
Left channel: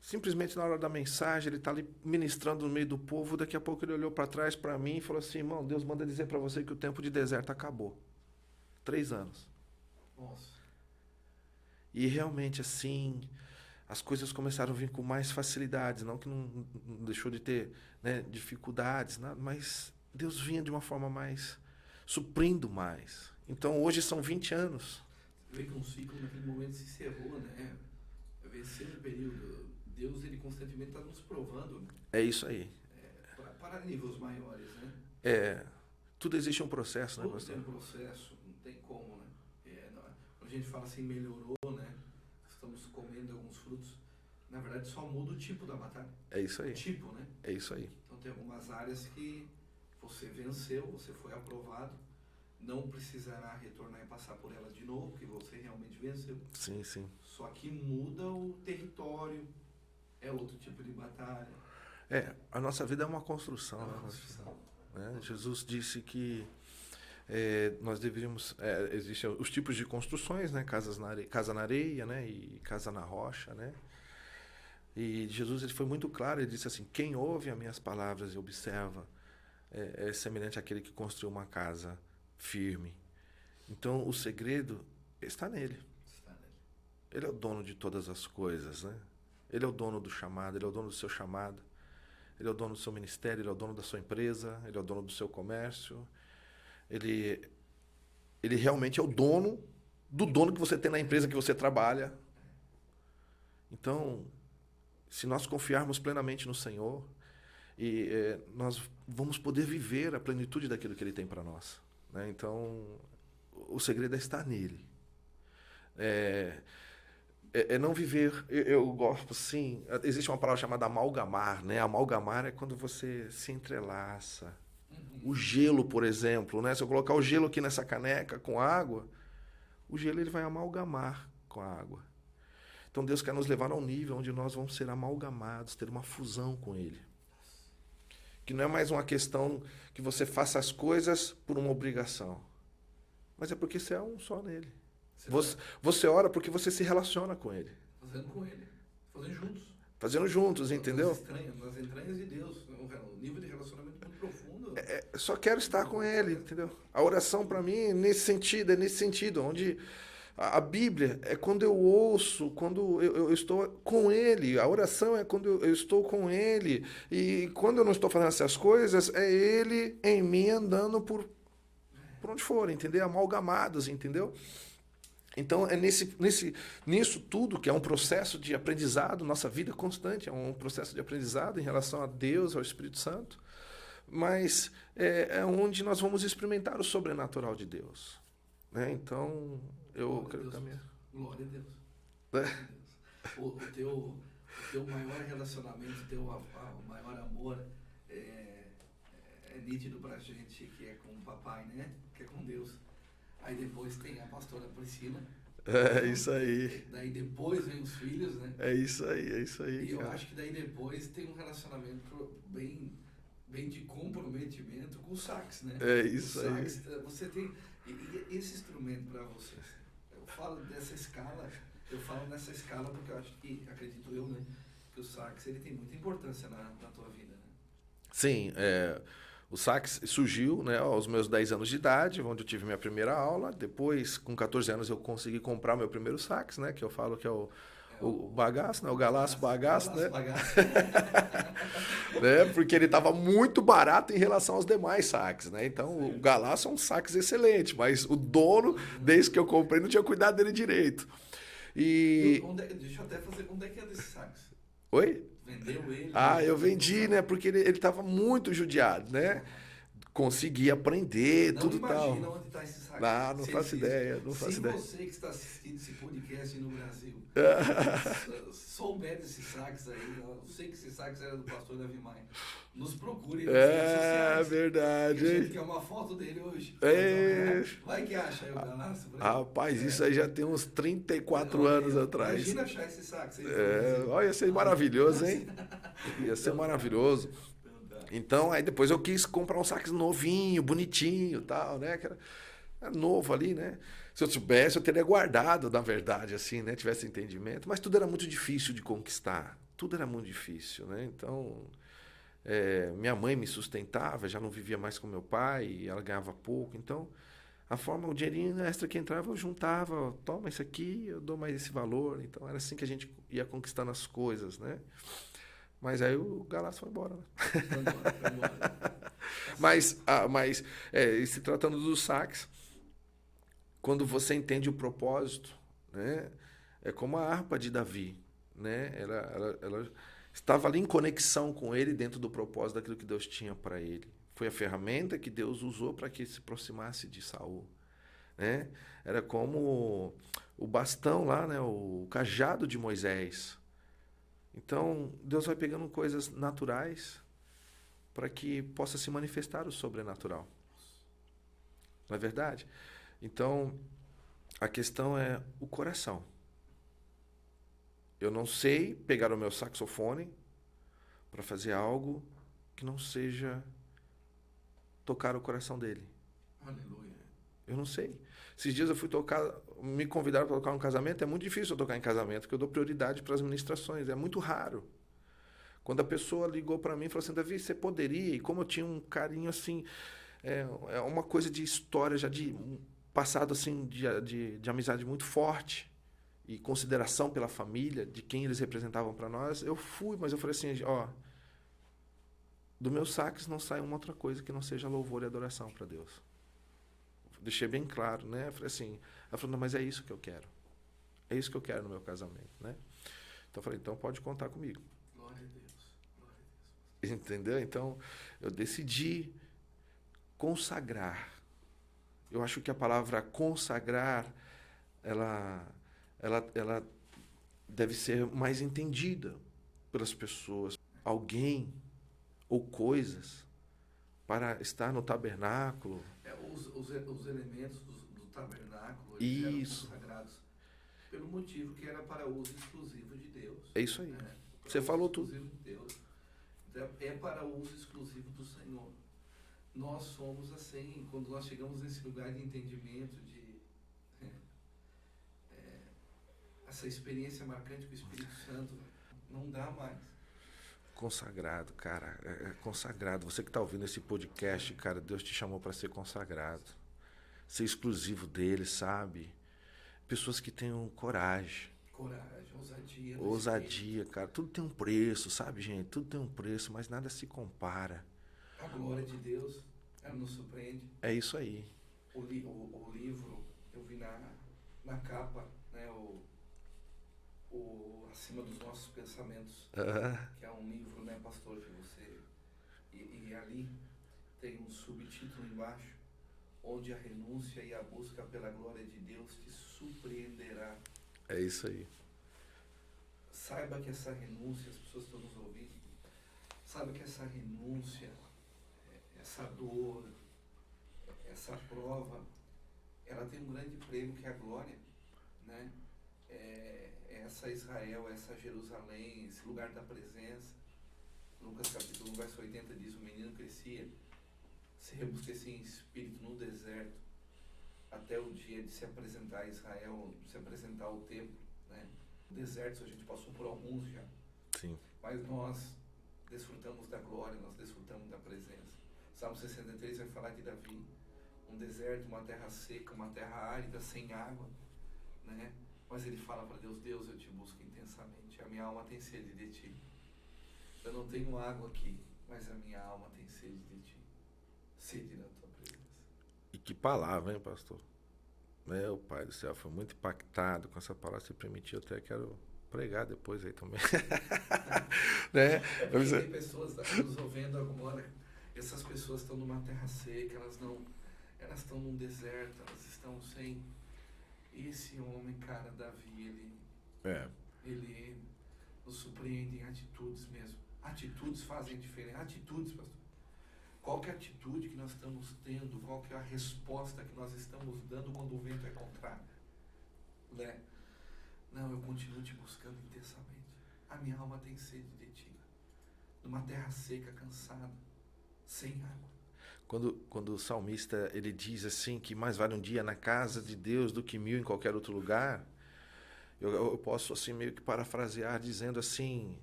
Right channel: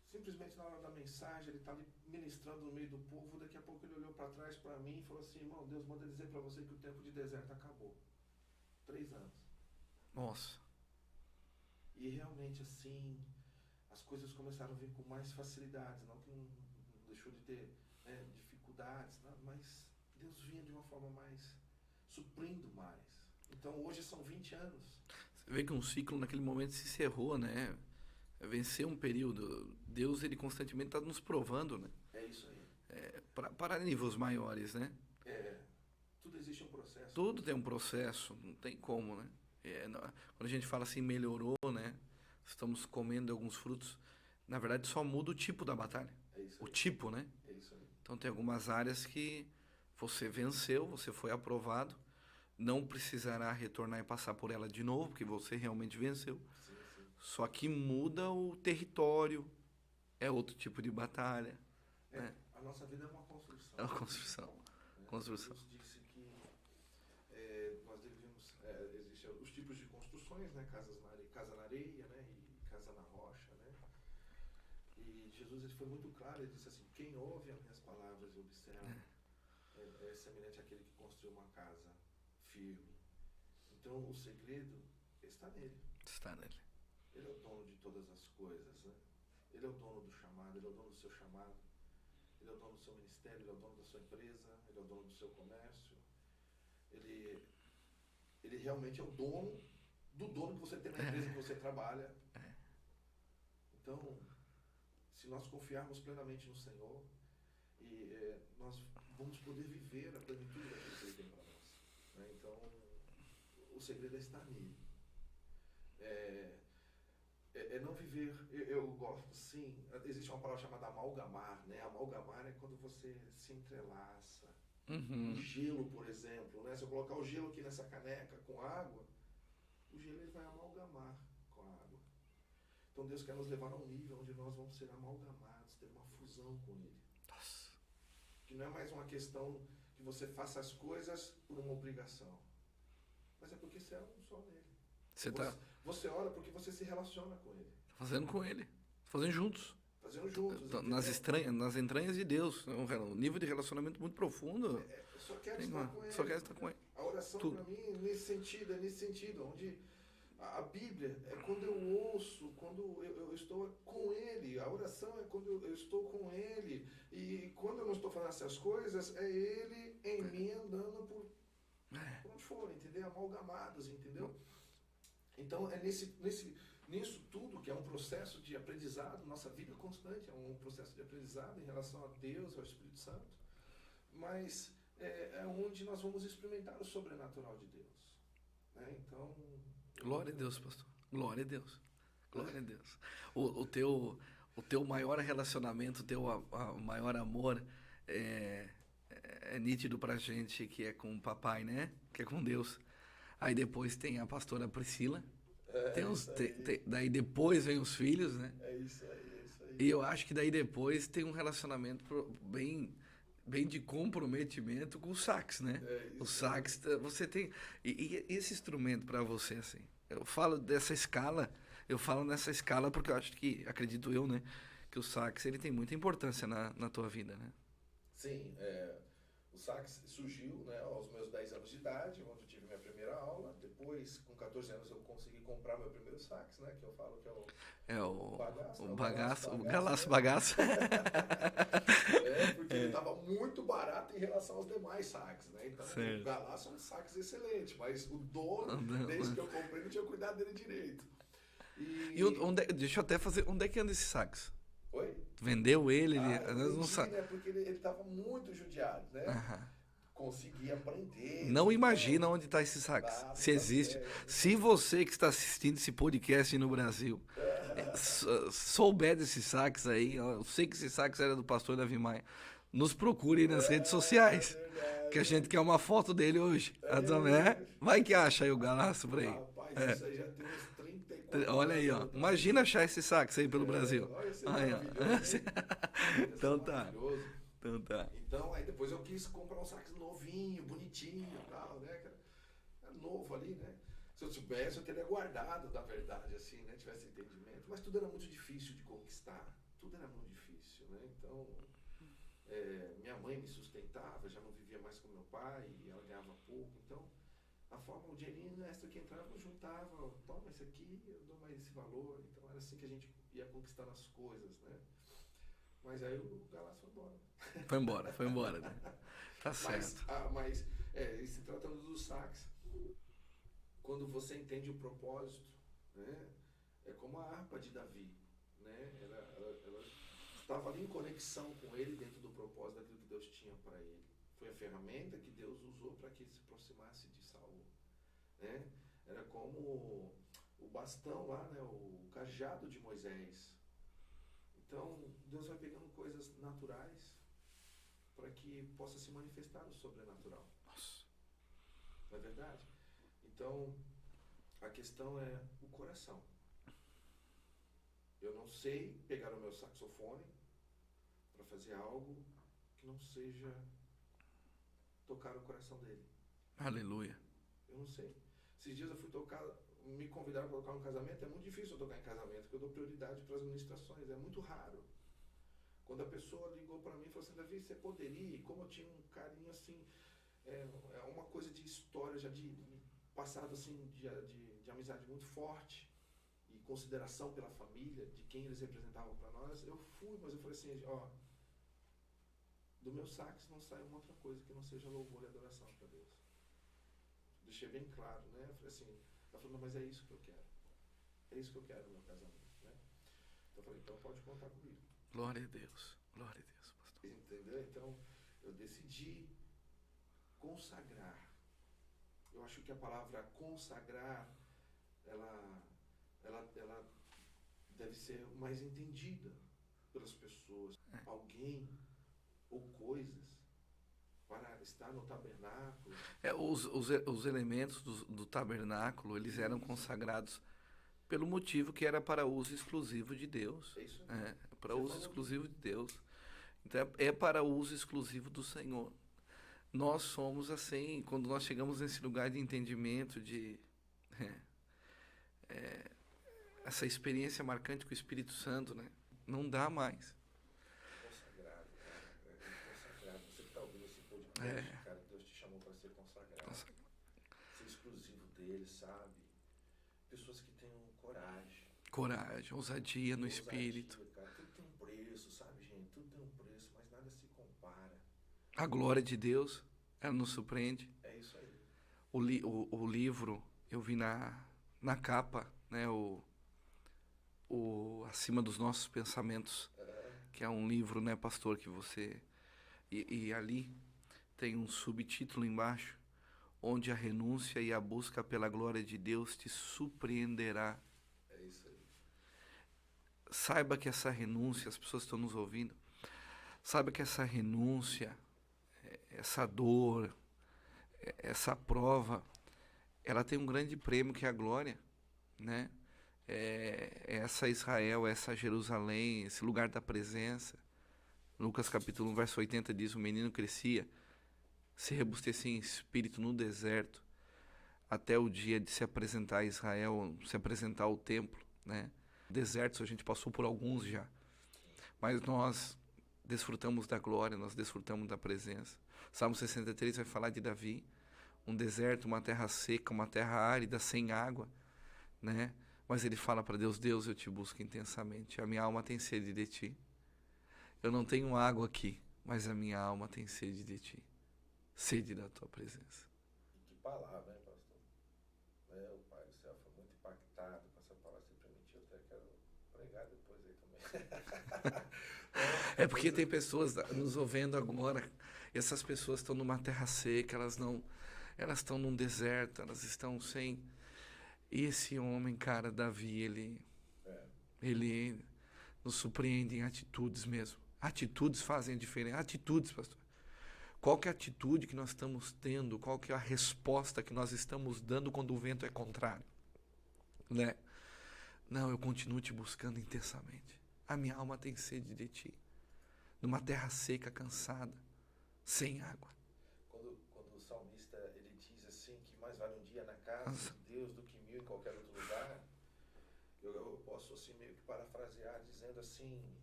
Simplesmente na hora da mensagem, ele está ali ministrando no meio do povo. Daqui a pouco ele olhou para trás para mim e falou assim: irmão, Deus manda dizer para você que o tempo de deserto acabou. 3 anos. Nossa. E realmente assim, as coisas começaram a vir com mais facilidades. Não que não deixou de ter, né, dificuldades, nada, mas Deus vinha de uma forma mais, suprindo mais. Então hoje são 20 anos. Você vê que um ciclo naquele momento se encerrou, né? Vencer um período. Deus, ele constantemente está nos provando, né? É isso aí. Para níveis maiores, né? Tudo existe um processo. Tudo né, tem um processo, não tem como, né? Quando a gente fala assim, melhorou, né? Estamos comendo alguns frutos. Na verdade, só muda o tipo da batalha. É isso aí. O tipo, né? É isso aí. Então, tem algumas áreas que você venceu, você foi aprovado. Não precisará retornar e passar por ela de novo, porque você realmente venceu. Sim, sim. Só que muda o território, é outro tipo de batalha. A nossa vida é uma construção. É uma construção. Né? Jesus disse que nós deveríamos... existem os tipos de construções, né? Casa na areia, né? E casa na rocha, né? E Jesus, ele foi muito claro, ele disse assim: quem ouve as minhas palavras e observa é semelhante àquele que construiu uma casa firme. Então, o segredo está nele. Está nele. Ele é o dono de todas as coisas, né? Ele é o dono do chamado, ele é o dono do seu chamado. Ele é o dono do seu ministério, ele é o dono da sua empresa, ele é o dono do seu comércio. Ele realmente é o dono do dono que você tem na empresa que você trabalha. Então, se nós confiarmos plenamente no Senhor, nós vamos poder viver a plenitude daquilo que Ele tem para nós. Né? Então, o segredo é estar nele. Não viver... Eu gosto, assim... Existe uma palavra chamada amalgamar, né? Amalgamar é quando você se entrelaça. O gelo, por exemplo, né? Se eu colocar o gelo aqui nessa caneca com água, o gelo ele vai amalgamar com a água. Então Deus quer nos levar a um nível onde nós vamos ser amalgamados, ter uma fusão com Ele. Nossa. Que não é mais uma questão que você faça as coisas por uma obrigação, mas é porque você é um só nele. Você ora porque você se relaciona com Ele. Fazendo com Ele. Fazendo juntos. Fazendo juntos, entendeu? Nas entranhas de Deus. Um nível de relacionamento muito profundo. Só quero estar com Ele, entendeu? A oração para mim é nesse sentido, onde a Bíblia é quando eu ouço, quando eu estou com Ele. A oração é quando eu estou com Ele. E quando eu não estou fazendo essas coisas, é Ele em mim andando por onde for, entendeu? Amalgamados, entendeu? Então, é nisso tudo, que é um processo de aprendizado, nossa vida é constante, é um processo de aprendizado em relação a Deus, ao Espírito Santo, mas é onde nós vamos experimentar o sobrenatural de Deus. Né? Então, Glória a Deus mesmo. Glória a Deus. Glória a Deus. O teu maior relacionamento, o teu maior amor é nítido pra gente, que é com o papai, né? Que é com Deus. Aí depois tem a pastora Priscila. Isso aí. Daí depois vem os filhos, né? É isso aí. E eu acho que daí depois tem um relacionamento bem de comprometimento com o sax, né? É isso o sax, você tem... E esse instrumento para você, assim, eu falo dessa escala, nessa escala porque eu acho que, acredito eu, né? Que o sax, ele tem muita importância na tua vida, né? Sim, O sax surgiu, né, aos meus 10 anos de idade, onde eu tive minha primeira aula. Depois, com 14 anos, eu consegui comprar o meu primeiro sax, né, que eu falo que é o bagaço, né, o galaço bagaço, né? Bagaço. Né, porque ele estava muito barato em relação aos demais sax, né? Então, Certo. o galaço é um sax excelente, mas o dono, desde que eu comprei, não tinha cuidado dele direito. E deixa eu até fazer. Onde é que anda esse sax? Oi? Vendeu ele? Eu vendi, né? Porque ele estava muito judiado, né? Consegui aprender, Não tudo imagina tal. onde está esse sax. Não Se faço existe. ideia. Não Se faço você que está assistindo esse podcast no Brasil souber desse sax aí, eu sei que esse sax era do pastor Davi Maia, nos procure nas redes sociais. É verdade. Que a gente quer uma foto dele hoje. É. Vai que acha aí o galaço pra ele. Rapaz, isso aí já tem uns 34 Olha aí, anos ó. atrás. Imagina achar esse sax aí pelo Brasil. Olha, ia ser maravilhoso, hein? Ia ser Então tá. maravilhoso. Então tá. Então, aí depois eu quis comprar um sax novinho, bonitinho e tal, né? Que era novo ali, né? Se eu soubesse, eu teria guardado, na verdade, assim, né? Tivesse entendimento. Mas tudo era muito difícil de conquistar. Tudo era muito difícil, né? Então, minha mãe me sustentava, já não vivia mais com meu pai, e ela ganhava pouco. Então, o dinheirinho extra que entrava, eu juntava. Toma isso aqui, eu dou mais esse valor. Então, era assim que a gente ia conquistando as coisas, né? Mas aí o galaço foi embora. Né? Foi embora. Tá mas se tratando do sax, quando você entende o propósito, né, é como a harpa de Davi, né? Ela estava ali em conexão com ele dentro do propósito daquilo que Deus tinha para ele. Foi a ferramenta que Deus usou para que ele se aproximasse de Saul, né? Era como o bastão lá, né, o cajado de Moisés. Então, Deus vai pegando coisas naturais para que possa se manifestar o sobrenatural. Não é verdade? Então, a questão é o coração. Eu não sei pegar o meu saxofone para fazer algo que não seja tocar o coração dele. Aleluia. Eu não sei. Esses dias eu fui me convidaram para tocar um casamento. É muito difícil eu tocar em casamento, porque eu dou prioridade para as ministrações. É muito raro. Quando a pessoa ligou para mim e falou assim, Davi, você poderia? E como eu tinha um carinho assim, é uma coisa de história, já de um passado assim, de amizade muito forte e consideração pela família, de quem eles representavam para nós, eu fui, mas eu falei assim, do meu sax não sai uma outra coisa que não seja louvor e adoração para Deus. Deixei bem claro, né? Falei assim, ela falou, não, mas é isso que eu quero. É isso que eu quero no meu casamento, né? Então eu falei, então pode contar comigo. Glória a Deus. Glória a Deus, pastor. Entendeu? Então, eu decidi consagrar. Eu acho que a palavra consagrar, ela deve ser mais entendida pelas pessoas. Alguém ou coisas para estar no tabernáculo. Os elementos do tabernáculo, eles eram consagrados pelo motivo que era para uso exclusivo de Deus. É isso aí. Você falou exclusivo de Deus. Então, é para uso exclusivo do Senhor. Nós somos assim, quando nós chegamos nesse lugar de entendimento, de essa experiência marcante com o Espírito Santo, né? Não dá mais. Consagrado, cara. Consagrado. Você que está ouvindo esse podcast, cara, Deus te chamou para ser consagrado. Ser exclusivo dele, sabe? Pessoas que tenham coragem. Coragem, ousadia no Ousadia, Espírito. cara. Tudo tem um preço, sabe, gente? Tudo tem um preço, mas nada se compara. A glória de Deus, ela nos surpreende. É isso aí. O livro, eu vi na capa, né? O Acima dos Nossos Pensamentos, que é um livro, né, pastor, que você... E ali tem um subtítulo embaixo, onde a renúncia e a busca pela glória de Deus te surpreenderá. É isso aí. Saiba que essa renúncia, as pessoas que estão nos ouvindo, saiba que essa renúncia, essa dor, essa prova, ela tem um grande prêmio que é a glória, né? Essa Israel, essa Jerusalém, esse lugar da presença. Lucas capítulo 1, verso 80 diz, o menino crescia, se robustecia em espírito no deserto, até o dia de se apresentar a Israel, se apresentar ao templo, né? Desertos a gente passou por alguns já. Sim. Mas nós desfrutamos da glória, nós desfrutamos da presença. Salmo 63 vai falar de Davi, um deserto, uma terra seca, uma terra árida, sem água, né? Mas ele fala para Deus: Deus, eu te busco intensamente, a minha alma tem sede de ti. Eu não tenho água aqui, mas a minha alma tem sede de ti, sede da tua presença. E que palavra, hein, pastor? Meu Pai do céu, foi muito impactado com essa palavra. Se permitir, eu até quero pregar depois aí também. Né? É porque tem pessoas nos ouvindo agora, e essas pessoas estão numa terra seca, elas estão num deserto, elas estão sem. E esse homem, cara, Davi, ele nos surpreende em atitudes mesmo. Atitudes fazem a diferença. Atitudes, pastor. Qual que é a atitude que nós estamos tendo? Qual que é a resposta que nós estamos dando quando o vento é contrário? Né? Não, eu continuo te buscando intensamente. A minha alma tem sede de ti. Numa terra seca, cansada, sem água. Quando o salmista ele diz assim que mais vale um dia na casa de Deus do que 1000 em qualquer outro lugar, eu posso assim meio que parafrasear dizendo assim,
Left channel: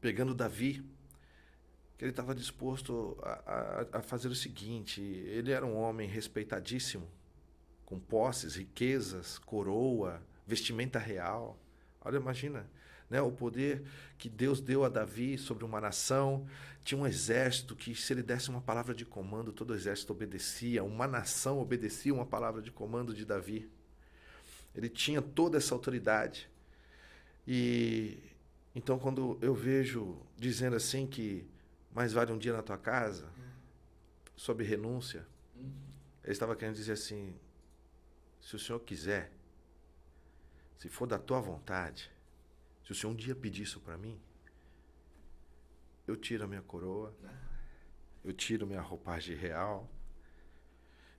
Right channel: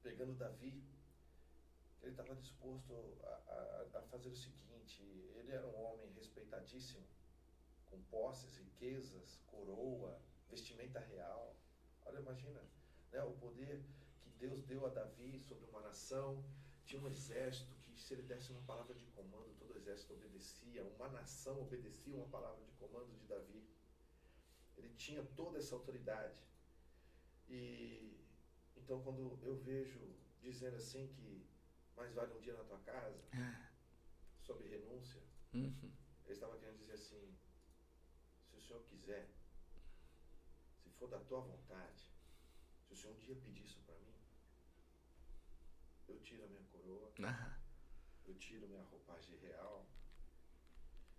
pegando Davi, que ele estava disposto a fazer o seguinte: ele era um homem respeitadíssimo, com posses, riquezas, coroa, vestimenta real. Olha, imagina, né, o poder que Deus deu a Davi sobre uma nação. Tinha um exército que, se ele desse uma palavra de comando, todo o exército obedecia. Uma nação obedecia uma palavra de comando de Davi. Ele tinha toda essa autoridade. E então, quando eu vejo dizendo assim que mais vale um dia na tua casa, sob renúncia, ele estava querendo dizer assim: se o Senhor quiser, se for da tua vontade, se o Senhor um dia pedir isso para mim, eu tiro a minha coroa, eu tiro minha roupagem real,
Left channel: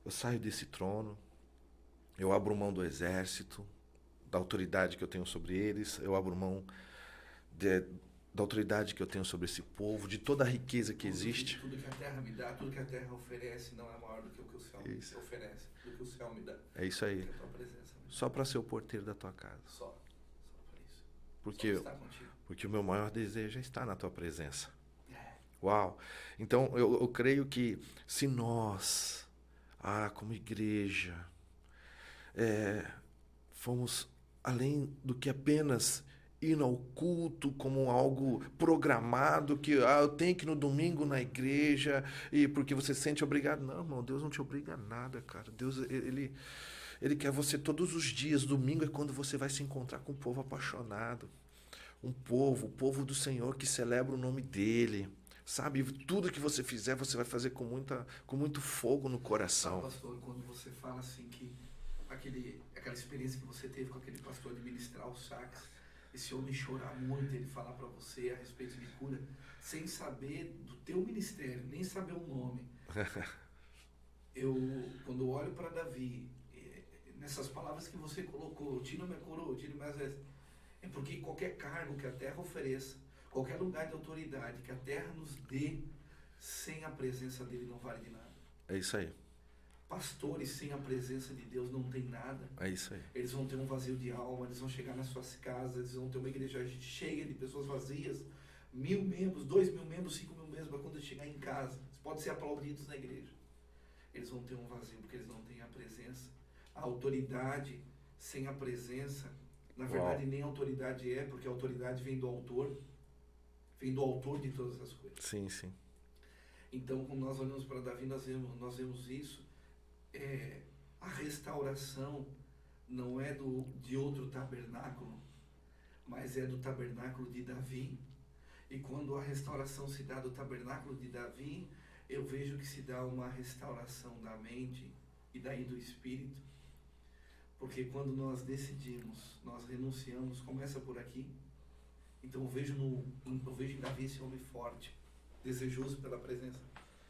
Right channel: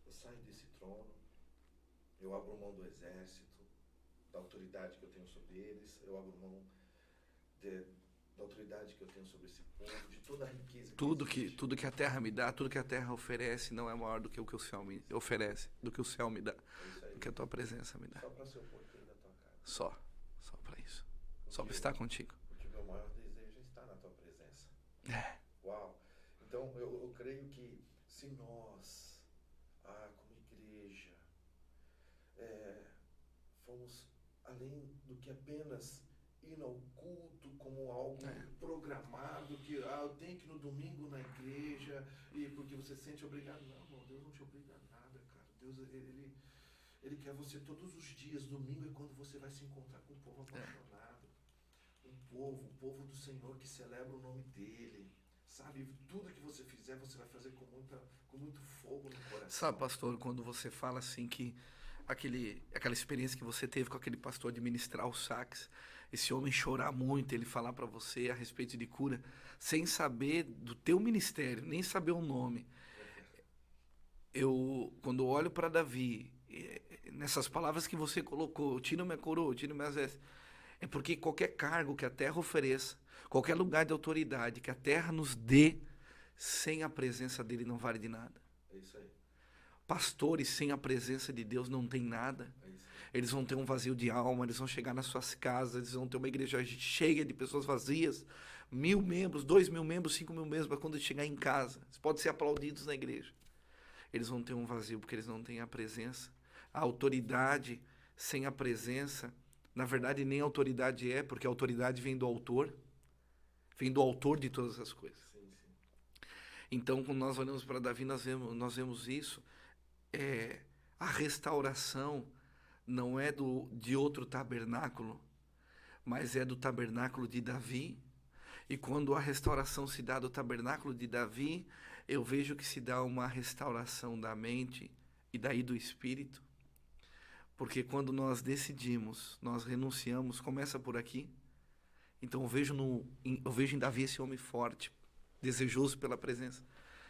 eu saio desse trono, eu abro mão do exército, da autoridade que eu tenho sobre eles, eu abro mão da autoridade que eu tenho sobre esse povo, de toda a riqueza que existe. Tudo que a terra me dá, tudo que a terra oferece não é maior do que o que o céu me oferece, do que o céu me dá. É isso aí. Do que a tua presença me dá. Só para ser o porteiro da tua casa. Só para isso. Porque só para estar contigo. Porque o meu maior desejo é estar na tua presença. Uau! Então, eu creio que se nós, como igreja, fomos além do que apenas ir ao culto como algo programado, que eu tenho que ir no domingo na igreja, e porque você se sente obrigado. Não, irmão, Deus não te obriga a nada, cara. Deus, ele quer você todos os dias. Domingo é quando você vai se encontrar com um povo apaixonado. O povo do Senhor que celebra o nome dele. Sabe, tudo que você fizer, você vai fazer com muito fogo no coração. Sabe, pastor, quando você fala assim que aquela experiência que você teve com aquele pastor de ministrar o sax, esse homem chorar muito, ele falar para você a respeito de cura, sem saber do teu ministério, nem saber o nome. Quando olho para Davi, nessas palavras que você colocou, tira minha coroa, tira minhas vestes, é porque qualquer cargo que a terra ofereça, qualquer lugar de autoridade que a terra nos dê, sem a presença dele não vale de nada. É isso aí. Pastores sem a presença de Deus não tem nada. É isso aí. Eles vão ter um vazio de alma, eles vão chegar nas suas casas, eles vão ter uma igreja cheia de pessoas vazias, 1000 membros, 2000 membros, 5000 membros, para quando chegar em casa, eles podem ser aplaudidos na igreja. Eles vão ter um vazio porque eles não têm a presença. A autoridade sem a presença, na verdade, nem autoridade porque a autoridade vem do autor de todas as coisas. Sim, sim. Então, quando nós olhamos para Davi, nós vemos isso. A restauração não é de outro tabernáculo, mas é do tabernáculo de Davi. E quando a restauração se dá do tabernáculo de Davi, eu vejo que se dá uma restauração da mente e daí do espírito. Porque quando nós decidimos, nós renunciamos, começa por aqui. Então eu vejo em Davi esse homem forte, desejoso pela presença,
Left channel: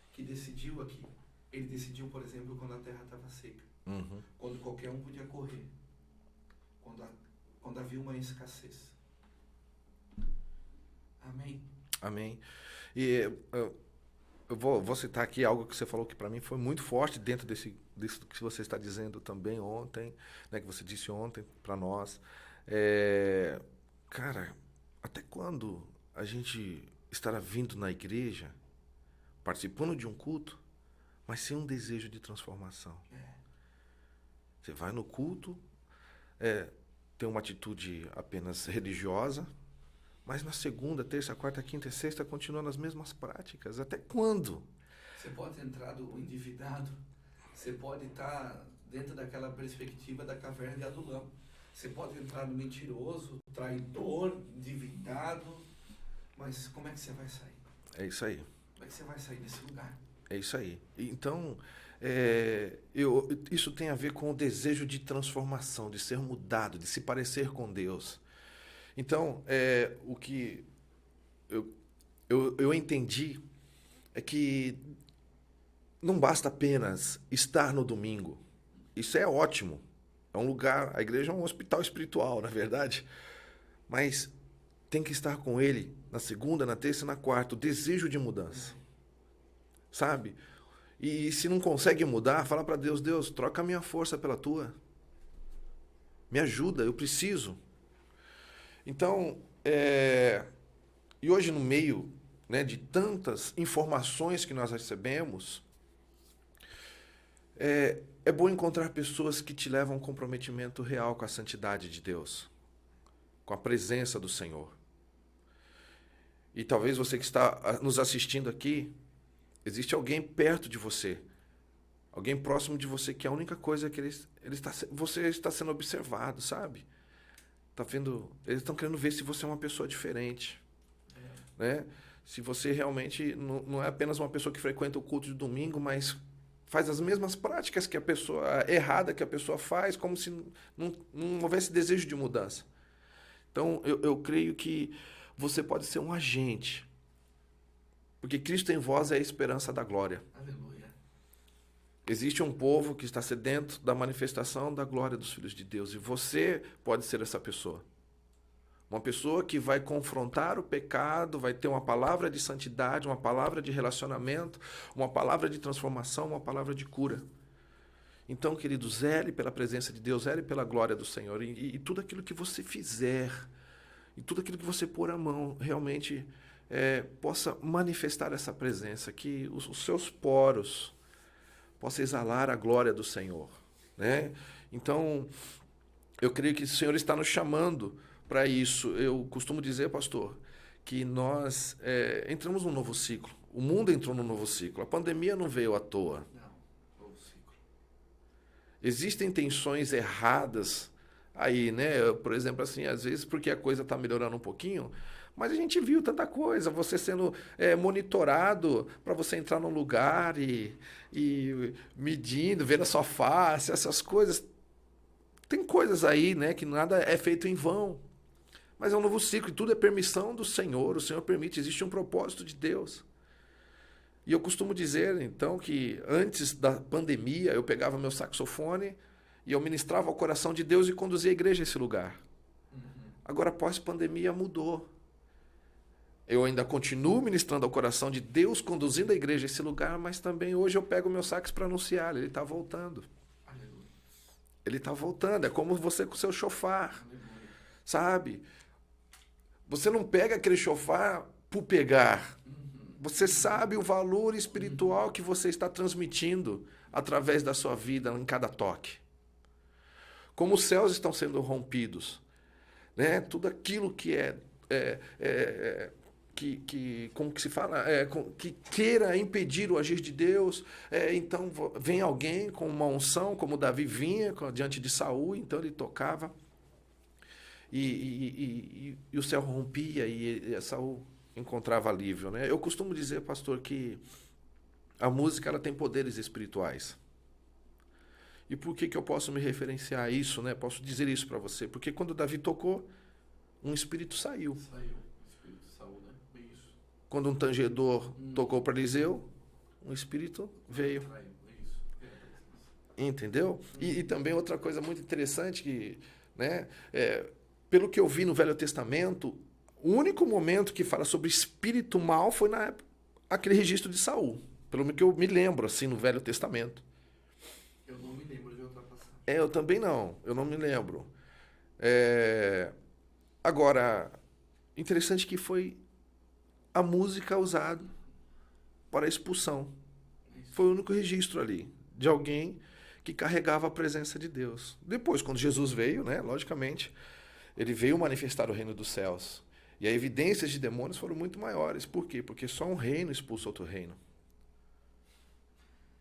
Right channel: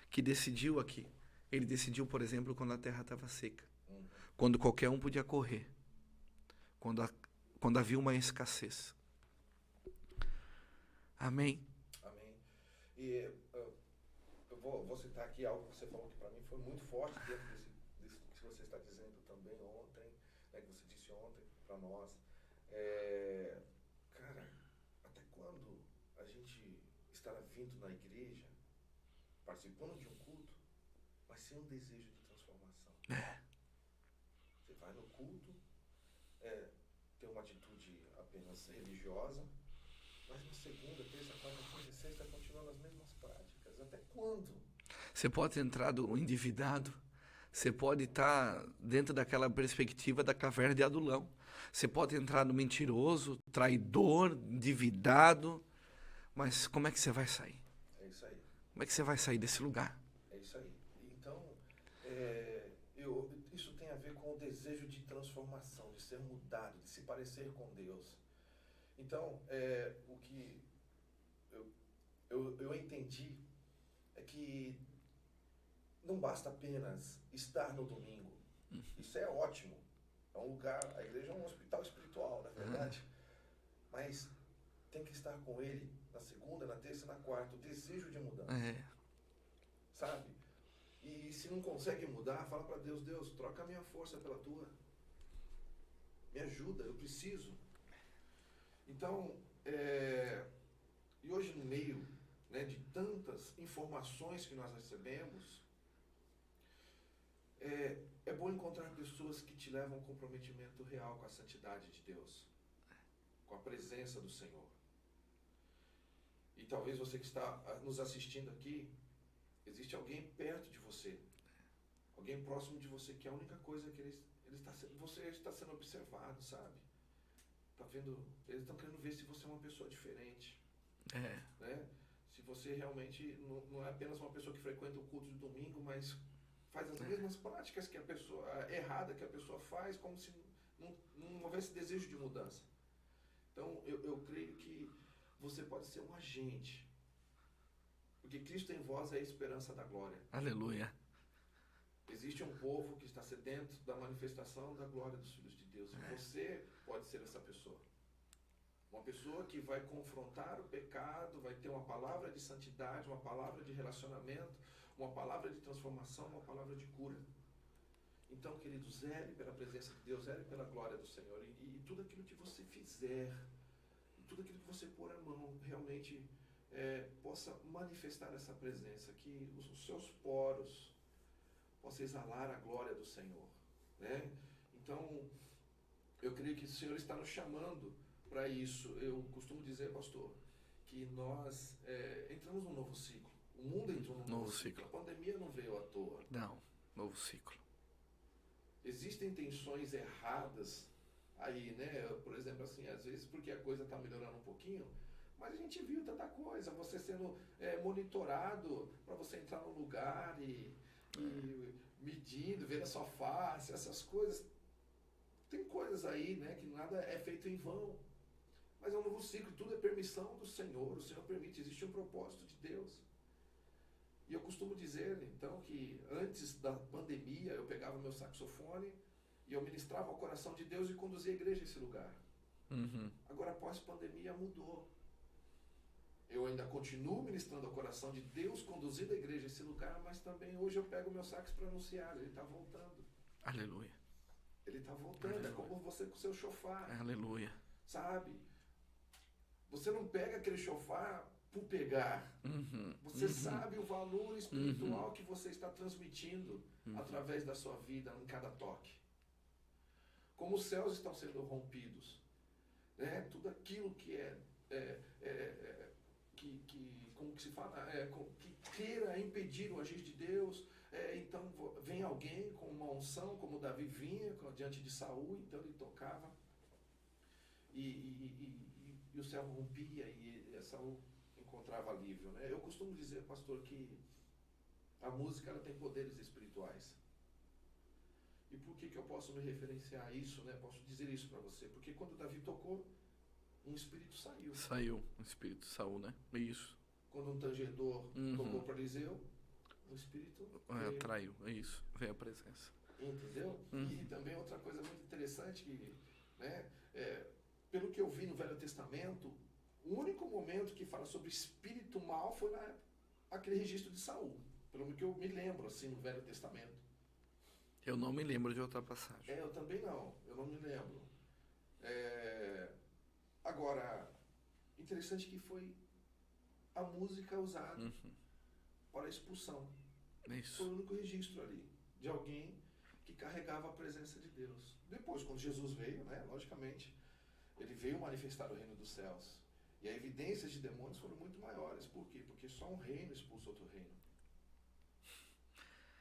que decidiu aqui. Ele decidiu, por exemplo, quando a terra estava seca. Quando qualquer um podia correr. Quando havia uma escassez. Amém? Amém. E eu vou citar aqui algo que você falou que para mim foi muito forte dentro disso que você está dizendo também ontem, né, que você disse ontem para nós. Cara, até quando a gente estará vindo na igreja participando de um culto, mas sem um desejo de transformação. Você vai no culto, tem uma atitude apenas religiosa, mas na segunda, terça, quarta, quinta e sexta continuando as mesmas práticas. Até quando? Você pode entrar do endividado, você pode estar dentro daquela perspectiva da caverna de Adulão. Você pode entrar no mentiroso, traidor, endividado, mas como é que você vai sair? É isso aí. Como é que você vai sair desse lugar? É isso aí. Então, isso tem a ver com o desejo de transformação, de ser mudado, de se parecer com Deus. Então, o que eu entendi é que não basta apenas estar no domingo. Isso é ótimo. É um lugar, a igreja é um hospital espiritual, na verdade. Mas tem que estar com ele na segunda, na terça e na quarta. O desejo de mudança. Sabe? E se não consegue mudar, fala para Deus, Deus, troca a minha força pela tua. Me ajuda, eu preciso. Então, e hoje no meio, né, de tantas informações que nós recebemos, é bom encontrar pessoas que te levam a um comprometimento real com a santidade de Deus, com a presença do Senhor. E talvez você que está nos assistindo aqui, existe alguém perto de você, alguém próximo de você, que a única coisa é que você está sendo observado, sabe? Eles estão querendo ver se você é uma pessoa diferente. Né? Se você realmente não é apenas uma pessoa que frequenta o culto de domingo, mas faz as mesmas práticas que a pessoa errada que a pessoa faz, como se não houvesse desejo de mudança. Então, eu creio que você pode ser um agente, porque Cristo em vós é a esperança da glória. Aleluia. Existe um povo que está sedento da manifestação da glória dos filhos de Deus, e você pode ser essa pessoa. Uma pessoa que vai confrontar o pecado, vai ter uma palavra de santidade, uma palavra de relacionamento, uma palavra de transformação, uma palavra de cura. Então, querido, zele pela presença de Deus, zele pela glória do Senhor. E tudo aquilo que você fizer, e tudo aquilo que você pôr a mão, realmente possa manifestar essa presença, que os seus poros possam exalar a glória do Senhor. Né? Então, eu creio que o Senhor está nos chamando para isso. Eu costumo dizer, pastor, que nós entramos num novo ciclo. O mundo entrou num novo ciclo. A pandemia não veio à toa. Não, novo ciclo. Existem tensões erradas aí, né? Por exemplo, assim, às vezes porque a coisa está melhorando um pouquinho, mas a gente viu tanta coisa, você sendo monitorado para você entrar num lugar e medindo, vendo a sua face, essas coisas. Tem coisas aí, né, que nada é feito em vão. Mas é um novo ciclo e tudo é permissão do Senhor. O Senhor permite, existe um propósito de Deus. E eu costumo dizer, então, que antes da pandemia eu pegava meu saxofone e eu ministrava ao coração de Deus e conduzia a igreja a esse lugar. Agora, após pandemia, mudou. Eu ainda continuo ministrando ao coração de Deus, conduzindo a igreja a esse lugar, mas também hoje eu pego o meu sax para anunciar, ele está voltando. Aleluia. Ele está voltando, é como você com o seu chofar. Aleluia. Sabe? Você não pega aquele chofar por pegar. Você sabe o valor espiritual que você está transmitindo através da sua vida em cada toque. Como os céus estão sendo rompidos. Né? Tudo aquilo que como que se fala? Que queira impedir o agir de Deus. Então vem alguém com uma unção, como Davi vinha diante de Saul, então ele tocava. E o céu rompia e Saul encontrava alívio, né? Eu costumo dizer, pastor, que a música ela tem poderes espirituais. E por que eu posso me referenciar a isso, né? Posso dizer isso para você? Porque quando Davi tocou, um espírito saiu. Saiu, um espírito saiu, né? Isso. Quando um tangedor tocou para Eliseu, um espírito veio. Traiu, isso. Veio a presença. Entendeu? E também outra coisa muito interessante que, né? Pelo que eu vi no Velho Testamento, o único momento que fala sobre espírito mal foi aquele registro de Saul. Pelo que eu me lembro, assim, no Velho Testamento. Eu não me lembro de outra passagem. Eu também não. Eu não me lembro. Agora, interessante que foi a música usada para a expulsão. Isso. Foi o único registro ali de alguém que carregava a presença de Deus. Depois, quando Jesus veio, né, logicamente, ele veio manifestar o reino dos céus. E as evidências de demônios foram muito maiores. Por quê? Porque só um reino expulsa outro reino.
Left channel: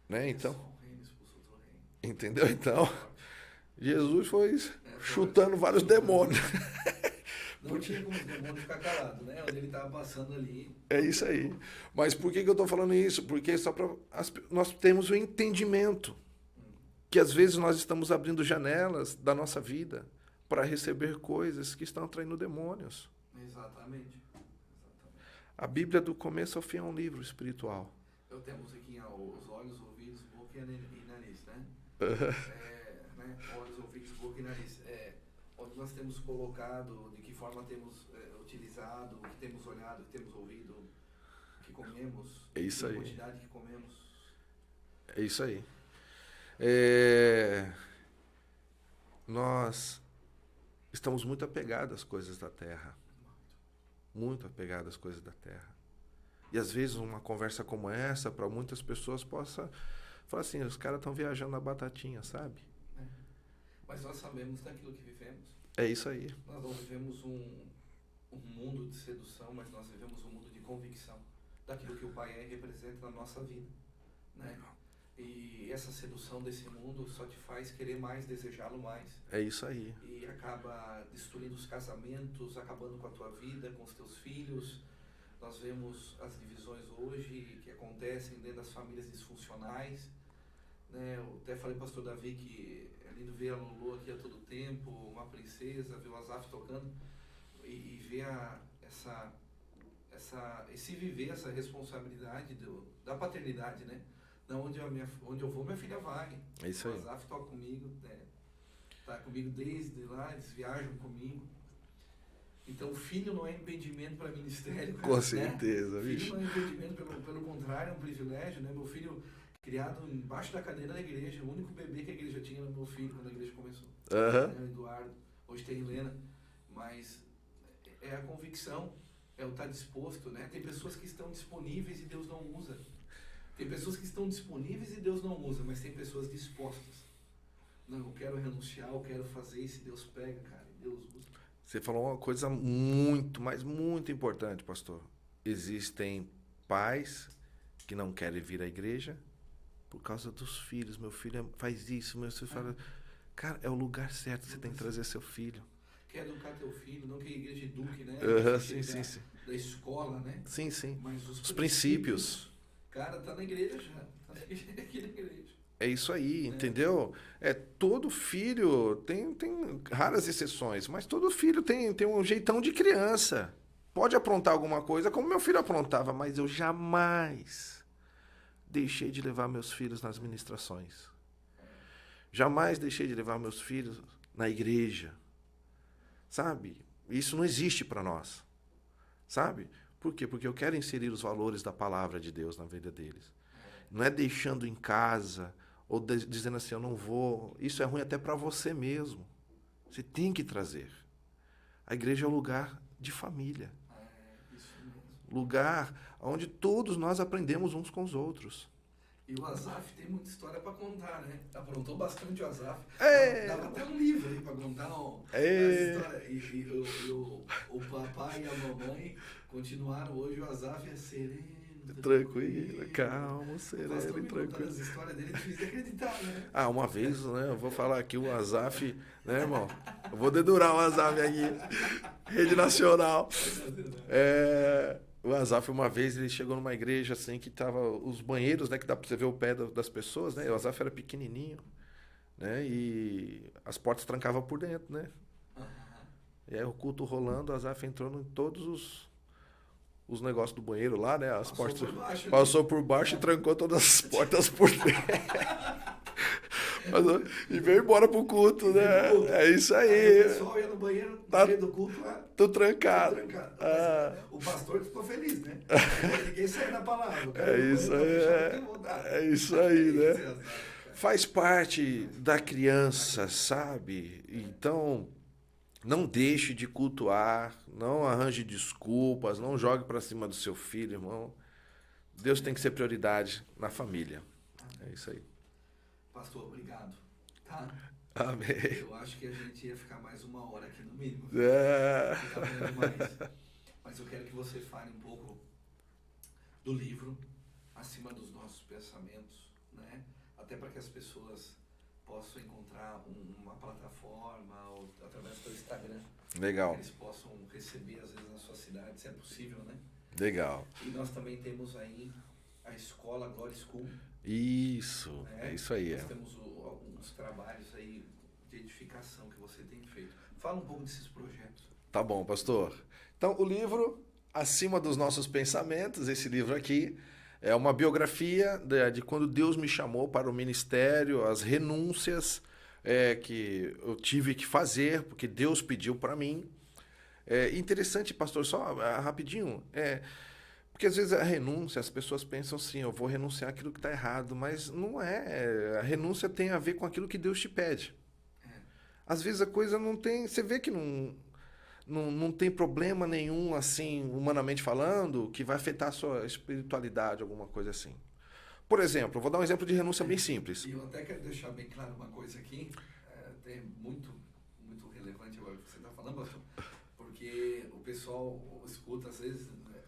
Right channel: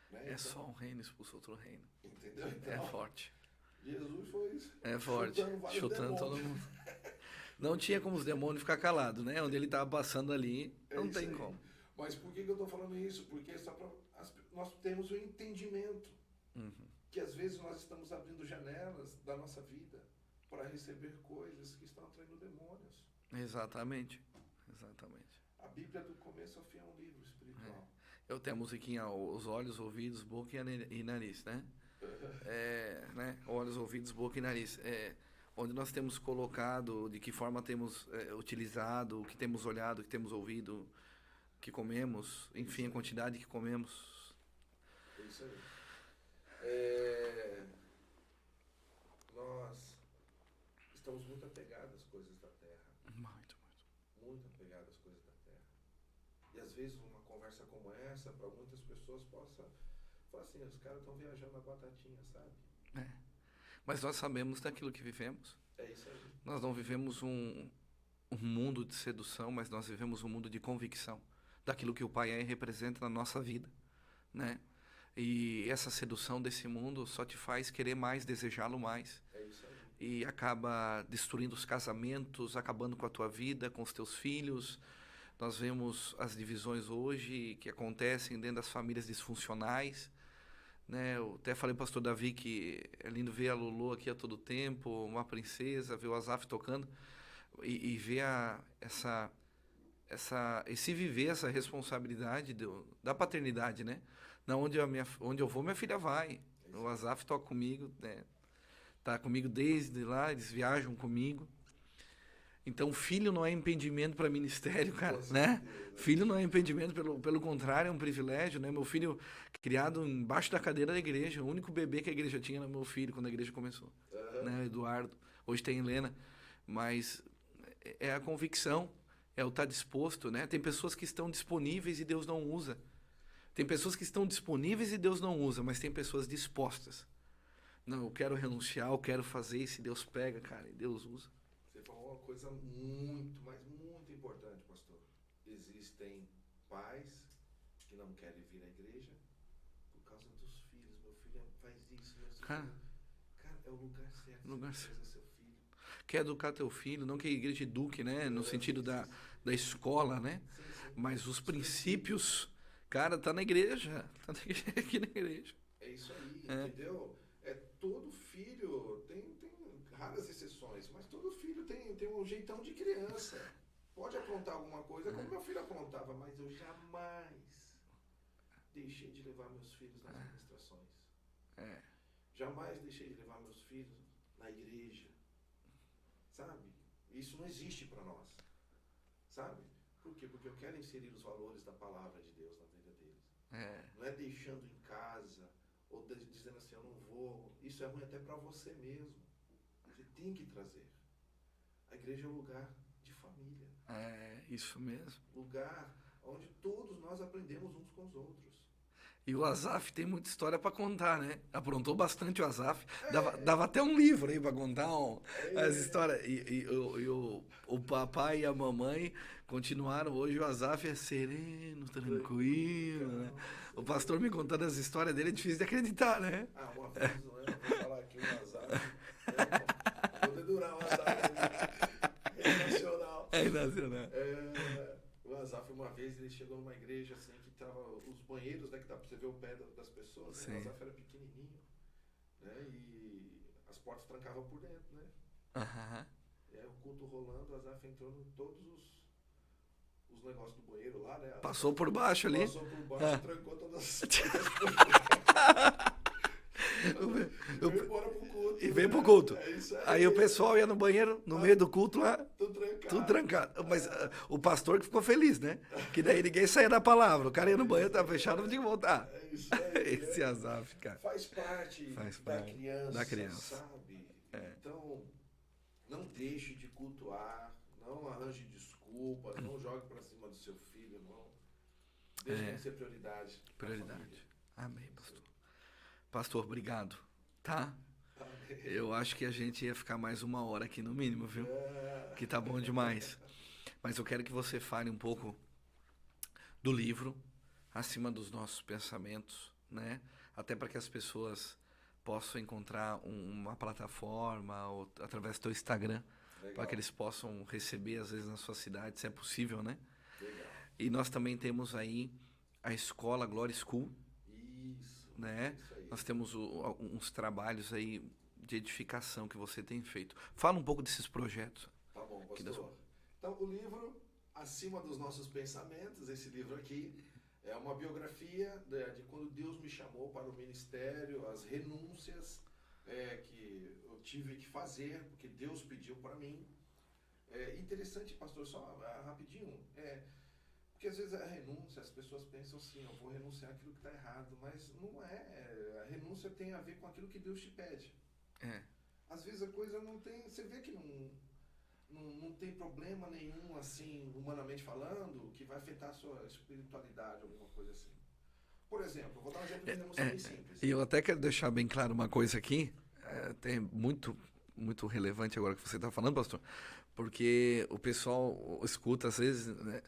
Né? Então, Só um reino expulsa outro reino. entendeu? Então, Forte. Jesus foi Forte. chutando vários Chutando demônios. Não tinha como os demônios ficar calados, né? Onde ele estava passando ali. É isso aí. Como. Mas por que eu estou falando isso? Porque só para nós temos o entendimento que às vezes nós estamos abrindo janelas da nossa vida para receber coisas que estão atraindo demônios. Exatamente. Exatamente. A Bíblia do começo ao fim é um livro espiritual. Eu tenho a musiquinha, os olhos, ouvidos, boca e nariz, né? Né? Olhos, ouvidos, boca e nariz. Onde nós temos colocado, de que forma temos utilizado, o que temos olhado, o que temos ouvido, o que comemos, enfim, a quantidade que comemos. É isso aí. Nós estamos muito apegados às coisas da terra. Muito apegados às coisas da terra. E às vezes uma conversa como essa, para muitas pessoas, possa falar assim, os caras estão viajando na batatinha, sabe? Mas nós sabemos daquilo que vivemos. É isso aí. Nós não vivemos um mundo de sedução, mas nós vivemos um mundo de convicção daquilo que o Pai representa na nossa vida, né? E essa sedução desse mundo só te faz querer mais, desejá-lo mais. É isso aí. E acaba destruindo os casamentos, acabando com a tua vida, com os teus filhos. Nós vemos as divisões hoje que acontecem dentro das famílias disfuncionais, né? Eu até falei para o pastor Davi que é lindo ver a Lulu aqui a todo tempo, uma princesa, ver o Asaf tocando e ver esse viver essa responsabilidade da paternidade, né? Onde eu vou, minha filha vai. O Asaf toca comigo, né? Tá comigo desde lá, eles viajam comigo. Então, filho não é impedimento para ministério, cara. Com certeza. Né? Filho não é impedimento, pelo contrário, é um privilégio, né? Meu filho criado embaixo da cadeira da igreja, o único bebê que a igreja tinha era meu filho quando a igreja começou. Né? Eduardo. Hoje tem Helena. Mas é a convicção, é o estar disposto, né? Tem pessoas que estão disponíveis e Deus não usa. Tem pessoas que estão disponíveis e Deus não usa, mas tem pessoas dispostas. Não, eu quero renunciar, eu quero fazer, e se Deus pega, cara, e Deus usa. Você falou uma coisa muito, mas muito importante, pastor. Existem pais que não querem vir à igreja por causa dos filhos. Meu filho faz isso, meu filho faz... Cara, é o lugar certo, você tem que trazer seu filho. Quer educar teu filho, não que a igreja eduque, né? No sentido sim. da escola, né? Sim, sim. Mas os princípios. Cara, tá na igreja. Tá aqui na igreja. É isso aí, entendeu? Todo filho, tem raras exceções, mas todo filho tem um jeitão de criança. Pode aprontar alguma coisa, como meu filho aprontava, mas eu jamais deixei de levar meus filhos nas ministrações. Jamais deixei de levar meus filhos na igreja. Sabe? Isso não existe para nós. Sabe? Por quê? Porque eu quero inserir os valores da palavra de Deus na vida deles. Não é deixando em casa ou dizendo assim, eu não vou. Isso é ruim até para você mesmo. Você tem que trazer. A igreja é um lugar de família. Isso mesmo. Lugar onde todos nós aprendemos uns com os outros. E o Asaf tem muita história para contar, né? Aprontou bastante o Asaf. Dava até um livro aí para contar as histórias. E o papai e a mamãe continuaram. Hoje o Asaf é sereno, tranquilo. Calmo, sereno, o pastor me contando as histórias dele é difícil de acreditar, né? Uma vez, né? Eu vou falar aqui o Asaf, né, irmão? Eu vou dedurar o Asaf aqui. Rede Nacional. Nacional. O Asaf, uma vez, ele chegou numa igreja, assim, que tava os banheiros, né, que dá pra você ver o pé das pessoas, né? Sim. E o Asaf era pequenininho, né? E as portas trancavam por dentro, né? E aí o culto rolando, o Asaf entrou em todos os negócios do banheiro lá, né? Passou por baixo ali. Passou por baixo e trancou todas as portas por dentro. E veio embora pro culto, né? Pro culto. É isso aí. Aí o pessoal ia no banheiro, no meio do culto lá. Tudo trancado. Mas o pastor que ficou feliz, né? Que daí ninguém saía da palavra. O cara ia no banheiro, tava fechado, não tinha que voltar. É isso aí, né? Esse azar, cara. Faz parte da criança, sabe? Então, não deixe de cultuar, não arranje desculpas, não jogue pra cima do seu filho, irmão. Deus tem que ser prioridade na família. Amém. É isso aí. Pastor, obrigado. Tá? Amém. Eu acho que a gente ia ficar mais 1 hora aqui no mínimo, viu? É. Que tá bom demais. Mas eu quero que você fale um pouco do livro, Acima dos Nossos Pensamentos, né? Até para que as pessoas possam encontrar uma plataforma ou através do teu Instagram. Legal. Para que eles possam receber, às vezes, na sua cidade, se é possível, né? Legal. E nós também temos aí a escola Glory School. Isso, Né? isso aí. Nós temos alguns trabalhos aí de edificação que você tem feito. Fala um pouco desses projetos. Tá bom, pastor. Então, o livro Acima dos Nossos Pensamentos, esse livro aqui, é uma biografia de quando Deus me chamou para o ministério, as renúncias que eu tive que fazer, porque Deus pediu para mim. É interessante, pastor, só rapidinho, porque às vezes a renúncia, as pessoas pensam assim, eu vou renunciar aquilo que está errado, mas não é. A renúncia tem a ver com aquilo que Deus te pede. Às vezes a coisa não tem, você vê que não tem problema nenhum, assim, humanamente falando, que vai afetar a sua espiritualidade, alguma coisa assim. Por exemplo, eu vou dar um exemplo de renúncia bem simples. E eu até quero deixar bem claro uma coisa aqui, tem muito relevante agora que você está falando, pastor, porque o pessoal escuta às vezes, né,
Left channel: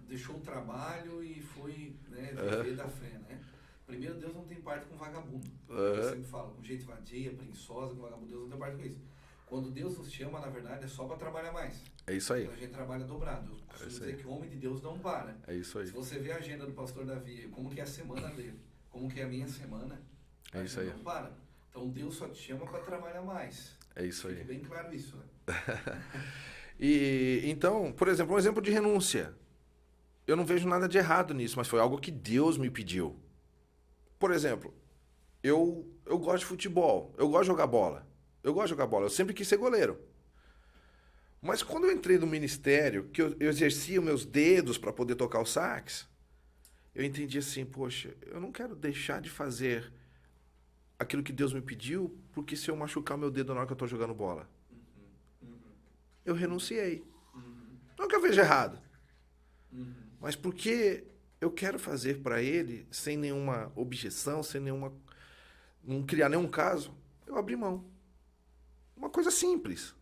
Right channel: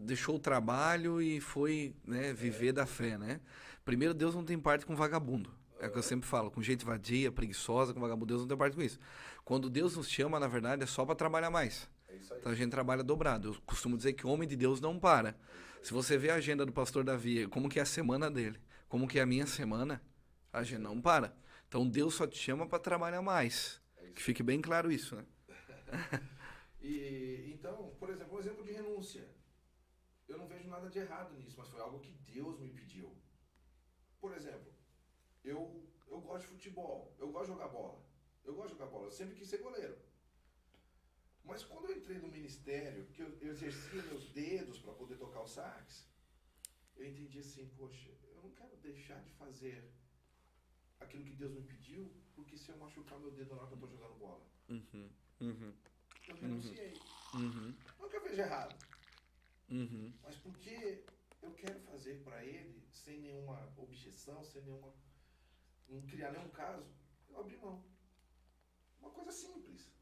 deixou o trabalho e foi, né, viver da fé, né? Primeiro, Deus não tem parte com vagabundo. É o que eu sempre falo, com gente vadia, preguiçosa, com vagabundo, Deus não tem parte com isso. Quando Deus nos chama, na verdade, é só para trabalhar mais. É isso aí. Então a gente trabalha dobrado. Eu costumo dizer que o homem de Deus não para. É isso aí. Se você vê a agenda do pastor Davi, como que é a semana dele, como que é a minha semana, a gente não para. Então Deus só te chama para trabalhar mais. É isso Fique aí. bem claro isso, né? E então, por exemplo, um exemplo de renúncia. Eu não vejo nada de errado nisso, mas foi algo que Deus me pediu. Por exemplo, eu gosto de futebol, eu gosto de jogar bola. Eu sempre quis ser goleiro. Mas quando eu entrei no ministério, que eu exercia meus dedos para poder tocar o sax, eu entendi assim, poxa, eu não quero deixar de fazer aquilo que Deus me pediu, porque se eu machucar meu dedo na hora que eu estou jogando bola. Eu renunciei. Não que eu veja errado. Mas porque eu quero fazer para ele, sem nenhuma objeção, não criar nenhum caso, eu abri mão. Uma coisa simples,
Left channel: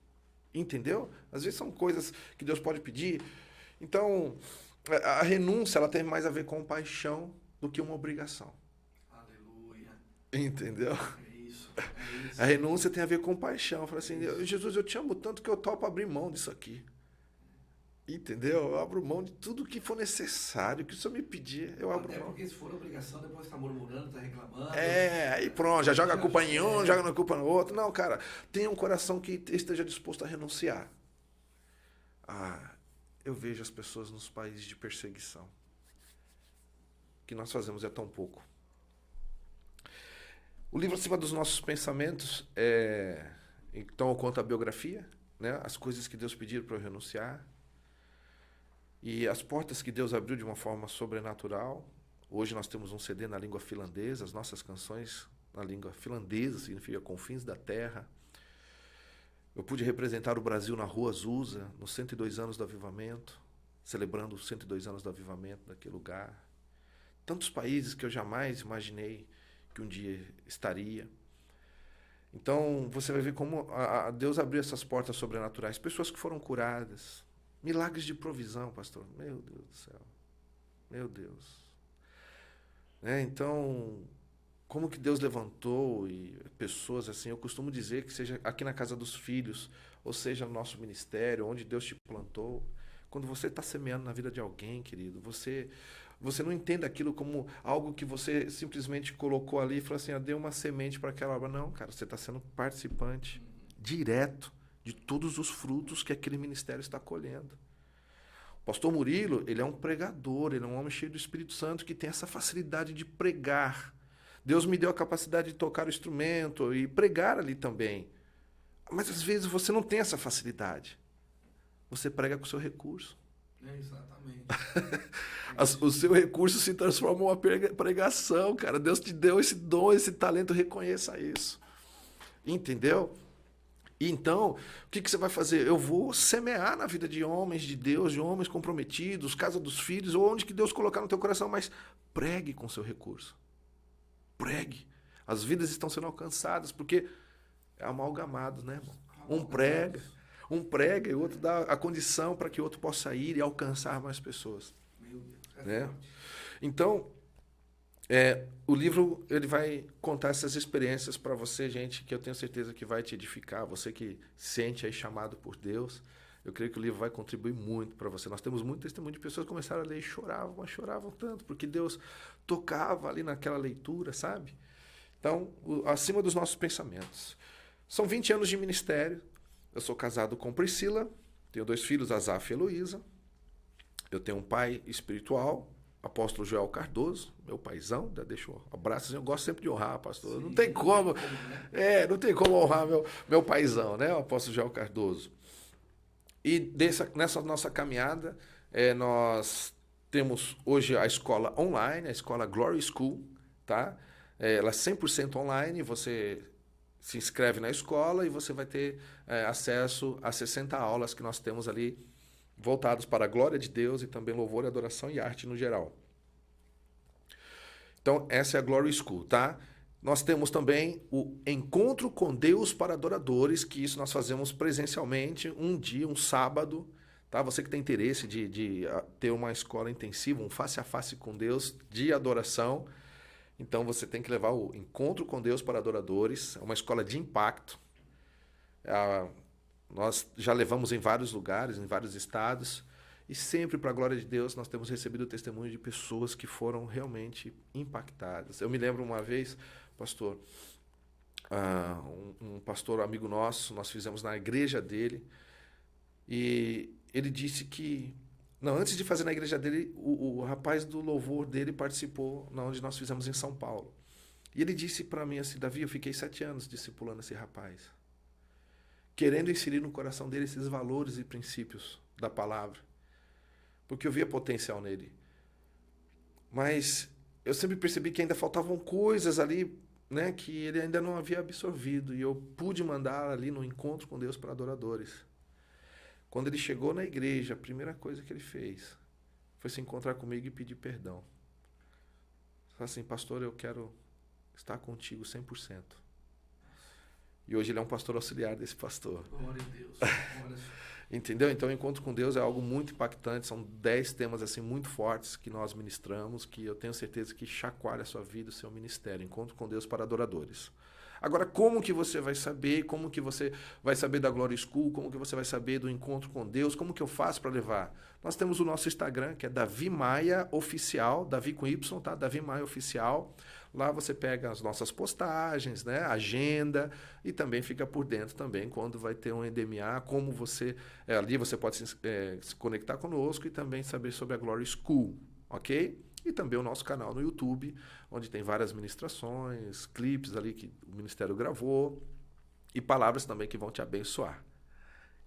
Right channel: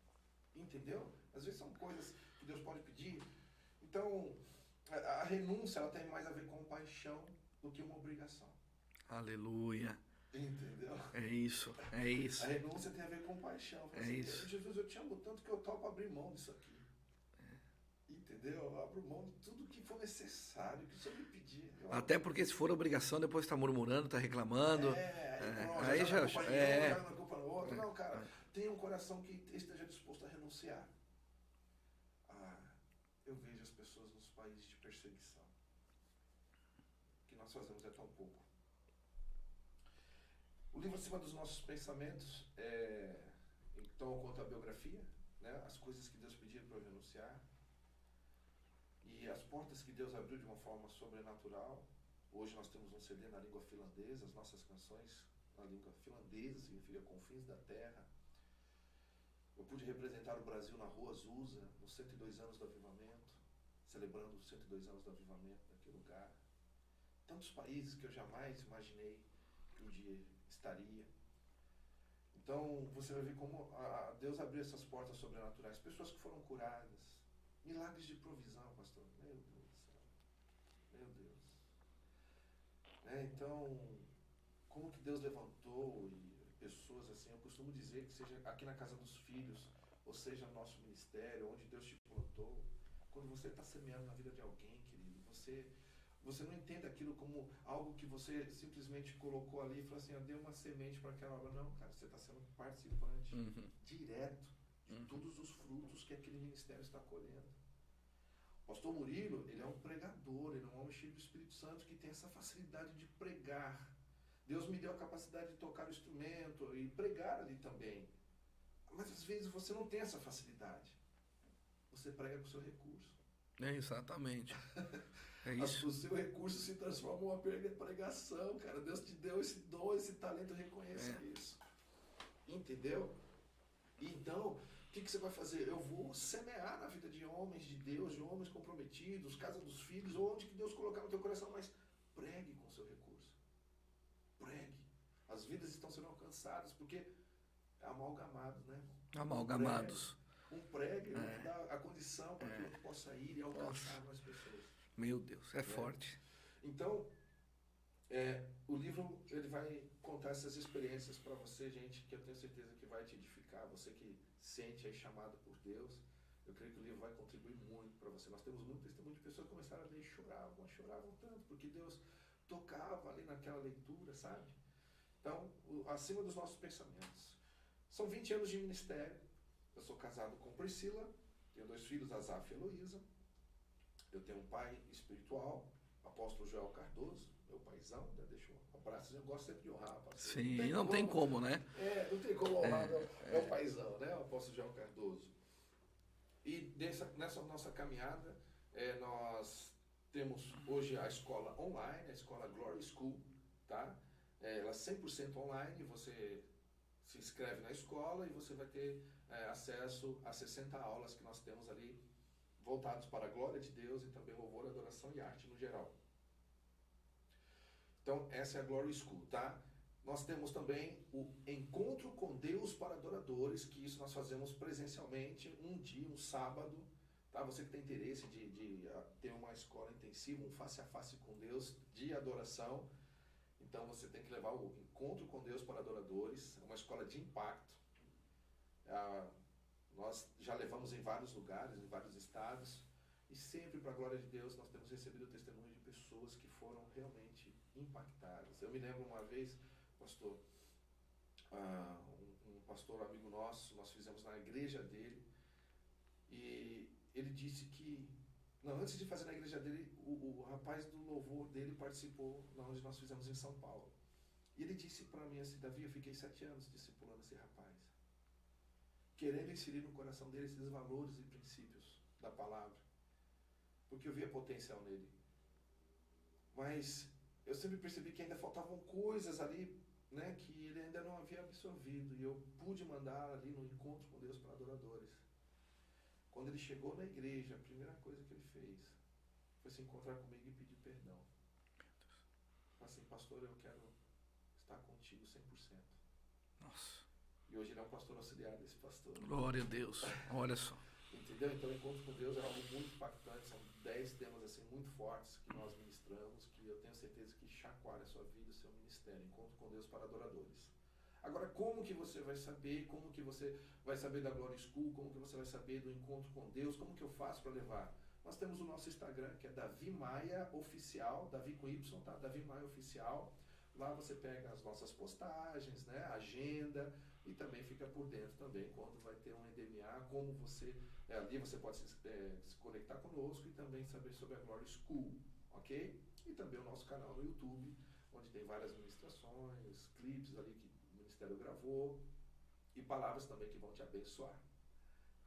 entendeu? Às vezes são coisas que Deus pode pedir. Então, a renúncia, ela tem mais a ver com paixão do que uma obrigação. Aleluia. Entendeu? É isso. A renúncia tem a ver com paixão. Fala assim, isso. Jesus, eu te amo tanto que eu topo abrir mão disso aqui. Entendeu? Eu abro mão de tudo que for necessário, que o Senhor me pedir, eu abro Até mão. porque se for obrigação, depois tá murmurando, tá reclamando. Aí pronto, já joga a culpa em um, é. joga a culpa no outro. Não, cara, tenha um coração que esteja disposto a renunciar. Eu vejo as pessoas nos países de perseguição. O que nós fazemos é tão pouco. O livro Acima dos Nossos Pensamentos, então eu conto a biografia, né? As coisas que Deus pediu para eu renunciar. E as portas que Deus abriu de uma forma sobrenatural. Hoje nós temos um CD na língua finlandesa, as nossas canções na língua finlandesa, significa Confins da Terra. Eu pude representar o Brasil na Rua Azusa, nos 102 anos do Avivamento, celebrando os 102 anos do Avivamento naquele lugar. Tantos países que eu jamais imaginei que um dia estaria. Então, você vai ver como Deus abriu essas portas sobrenaturais. Pessoas que foram curadas. Milagres de provisão, pastor. Meu Deus do céu. Meu Deus. Então, como que Deus levantou e pessoas assim, eu costumo dizer que seja aqui na casa dos filhos, ou seja, no nosso ministério, onde Deus te plantou. Quando você está semeando na vida de alguém, querido, você não entende aquilo como algo que você simplesmente colocou ali e falou assim, deu uma semente para aquela obra. Não, cara, você está sendo participante direto de todos os frutos que aquele ministério está colhendo. O pastor Murilo, ele é um pregador, ele é um homem cheio do Espírito Santo que tem essa facilidade de pregar. Deus me deu a capacidade de tocar o instrumento e pregar ali também. Mas às vezes você não tem essa facilidade. Você prega com o seu recurso. Exatamente. O seu recurso se transforma em uma pregação, cara. Deus te deu esse dom, esse talento, reconheça isso. Entendeu? E então, o que você vai fazer? Eu vou semear na vida de homens de Deus, de homens comprometidos, casa dos filhos, ou onde que Deus colocar no teu coração, mas pregue com seu recurso. Pregue. As vidas estão sendo alcançadas, porque é amalgamado, né, irmão? Um prega e o outro dá a condição para que o outro possa ir e alcançar mais pessoas. Meu Deus, forte. Então, o livro ele vai contar essas experiências para você, gente, que eu tenho certeza que vai te edificar. Você que sente aí chamado por Deus, eu creio que o livro vai contribuir muito para você. Nós temos muito testemunho de pessoas que começaram a ler e choravam, mas choravam tanto, porque Deus tocava ali naquela leitura, sabe? Então, acima dos nossos pensamentos. São 20 anos de ministério. Eu sou casado com Priscila, tenho 2 filhos, Azaf e Heloísa. Eu tenho um pai espiritual, apóstolo Joel Cardoso, meu paizão, deixa um abraço, eu gosto sempre de honrar, pastor. Sim, não tem como, né? Não tem como honrar meu paizão, né, o apóstolo Joel Cardoso. E nessa nossa caminhada, nós temos hoje a escola online, a escola Glory School, tá? Ela é 100% online, você se inscreve na escola e você vai ter acesso a 60 aulas que nós temos ali voltados para a glória de Deus e também louvor, adoração e arte no geral. Então, essa é a Glory School, tá? Nós temos também o Encontro com Deus para Adoradores, que isso nós fazemos presencialmente, um dia, um sábado, tá? Você que tem interesse de ter uma escola intensiva, um face a face com Deus de adoração, então você tem que levar o Encontro com Deus para Adoradores, é uma escola de impacto. Nós já levamos em vários lugares, em vários estados, e sempre, para a glória de Deus, nós temos recebido testemunho de pessoas que foram realmente impactadas. Eu me lembro uma vez, pastor, um pastor amigo nosso, nós fizemos na igreja dele, e ele disse que, antes de fazer na igreja dele, o rapaz do louvor dele participou na onde nós fizemos em São Paulo. E ele disse para mim assim, Davi, eu fiquei 7 anos discipulando esse rapaz, querendo inserir no coração dele esses valores e princípios da palavra, porque eu via potencial nele. Mas eu sempre percebi que ainda faltavam coisas ali, né, que ele ainda não havia absorvido, e eu pude mandar ali no Encontro com Deus para Adoradores. Quando ele chegou na igreja, a primeira coisa que ele fez foi se encontrar comigo e pedir perdão. Falei assim, pastor, eu quero estar contigo 100%. E hoje ele é um pastor auxiliar desse pastor. Glória a Deus. Olha só. Entendeu? Então, o Encontro com Deus é algo muito impactante. São 10 temas assim muito fortes que nós ministramos, que eu tenho certeza que chacoalha a sua vida, o seu ministério. Encontro com Deus para Adoradores. Agora, como que você vai saber? Como que você vai saber da Glory School? Como que você vai saber do Encontro com Deus? Como que eu faço para levar? Nós temos o nosso Instagram, que é Davi Maia Oficial, Davi com Y, tá? Davi Maia Oficial. Lá você pega as nossas postagens, né? Agenda, e também fica por dentro também quando vai ter um EDMA, como você... ali você pode se conectar conosco e também saber sobre a Glory School, ok? E também o nosso canal no YouTube, onde tem várias ministrações, clipes ali que o ministério gravou e palavras também que vão te abençoar.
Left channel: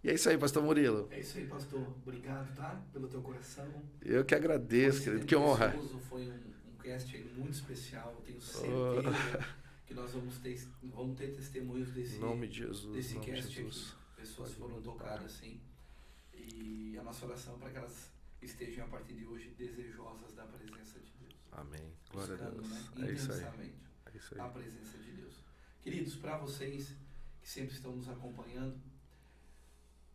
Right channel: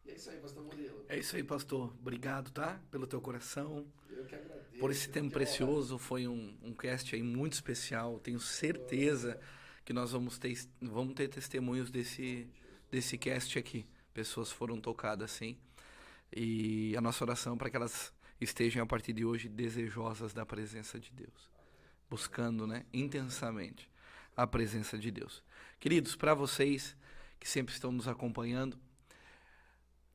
E é isso aí, pastor Murilo. É isso aí, pastor. Obrigado, tá? Pelo teu coração. Eu que agradeço. Que honra. Foi um cast aí muito especial. Tenho certeza que nós vamos ter testemunhos desse cast aqui. Pessoas foram tocadas, sim. E a nossa oração para que elas estejam a partir de hoje desejosas da presença de Deus. Amém. Buscando, né, intensamente a presença de Deus. Queridos, para vocês que sempre estão nos acompanhando,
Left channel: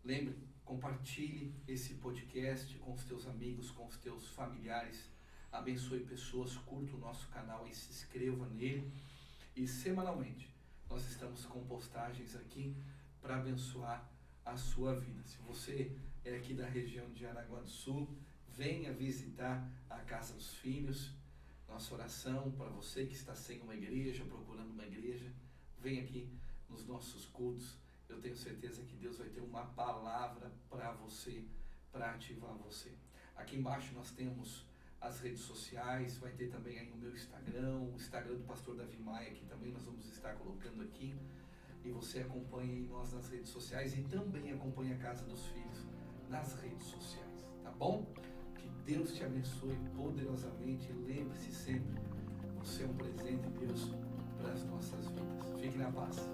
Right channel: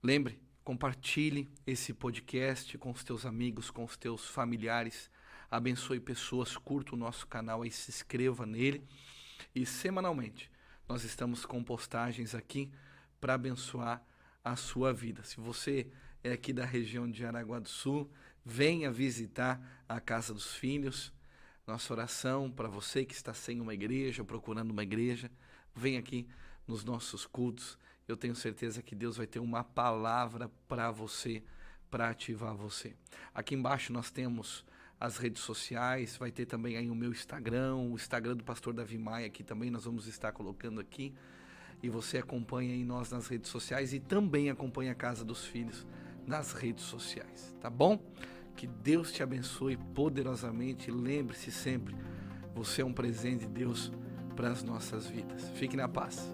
lembre, compartilhe esse podcast com os teus amigos, com os teus familiares, abençoe pessoas, curta o nosso canal e se inscreva nele. E semanalmente nós estamos com postagens aqui para abençoar a sua vida. Se você é aqui da região de Jaraguá do Sul, venha visitar a Casa dos Filhos. Nossa oração para você que está sem uma igreja, procurando uma igreja, vem aqui nos nossos cultos. Eu tenho certeza que Deus vai ter uma palavra para você, para ativar você. Aqui embaixo nós temos as redes sociais, vai ter também aí o meu Instagram, o Instagram do pastor Davi Maia, que também nós vamos estar colocando aqui. E você acompanha aí nós nas redes sociais e também acompanha a Casa dos Filhos nas redes sociais, tá bom? Que Deus te abençoe poderosamente. Lembre-se sempre, você é um presente de Deus para as nossas vidas. Fique na paz.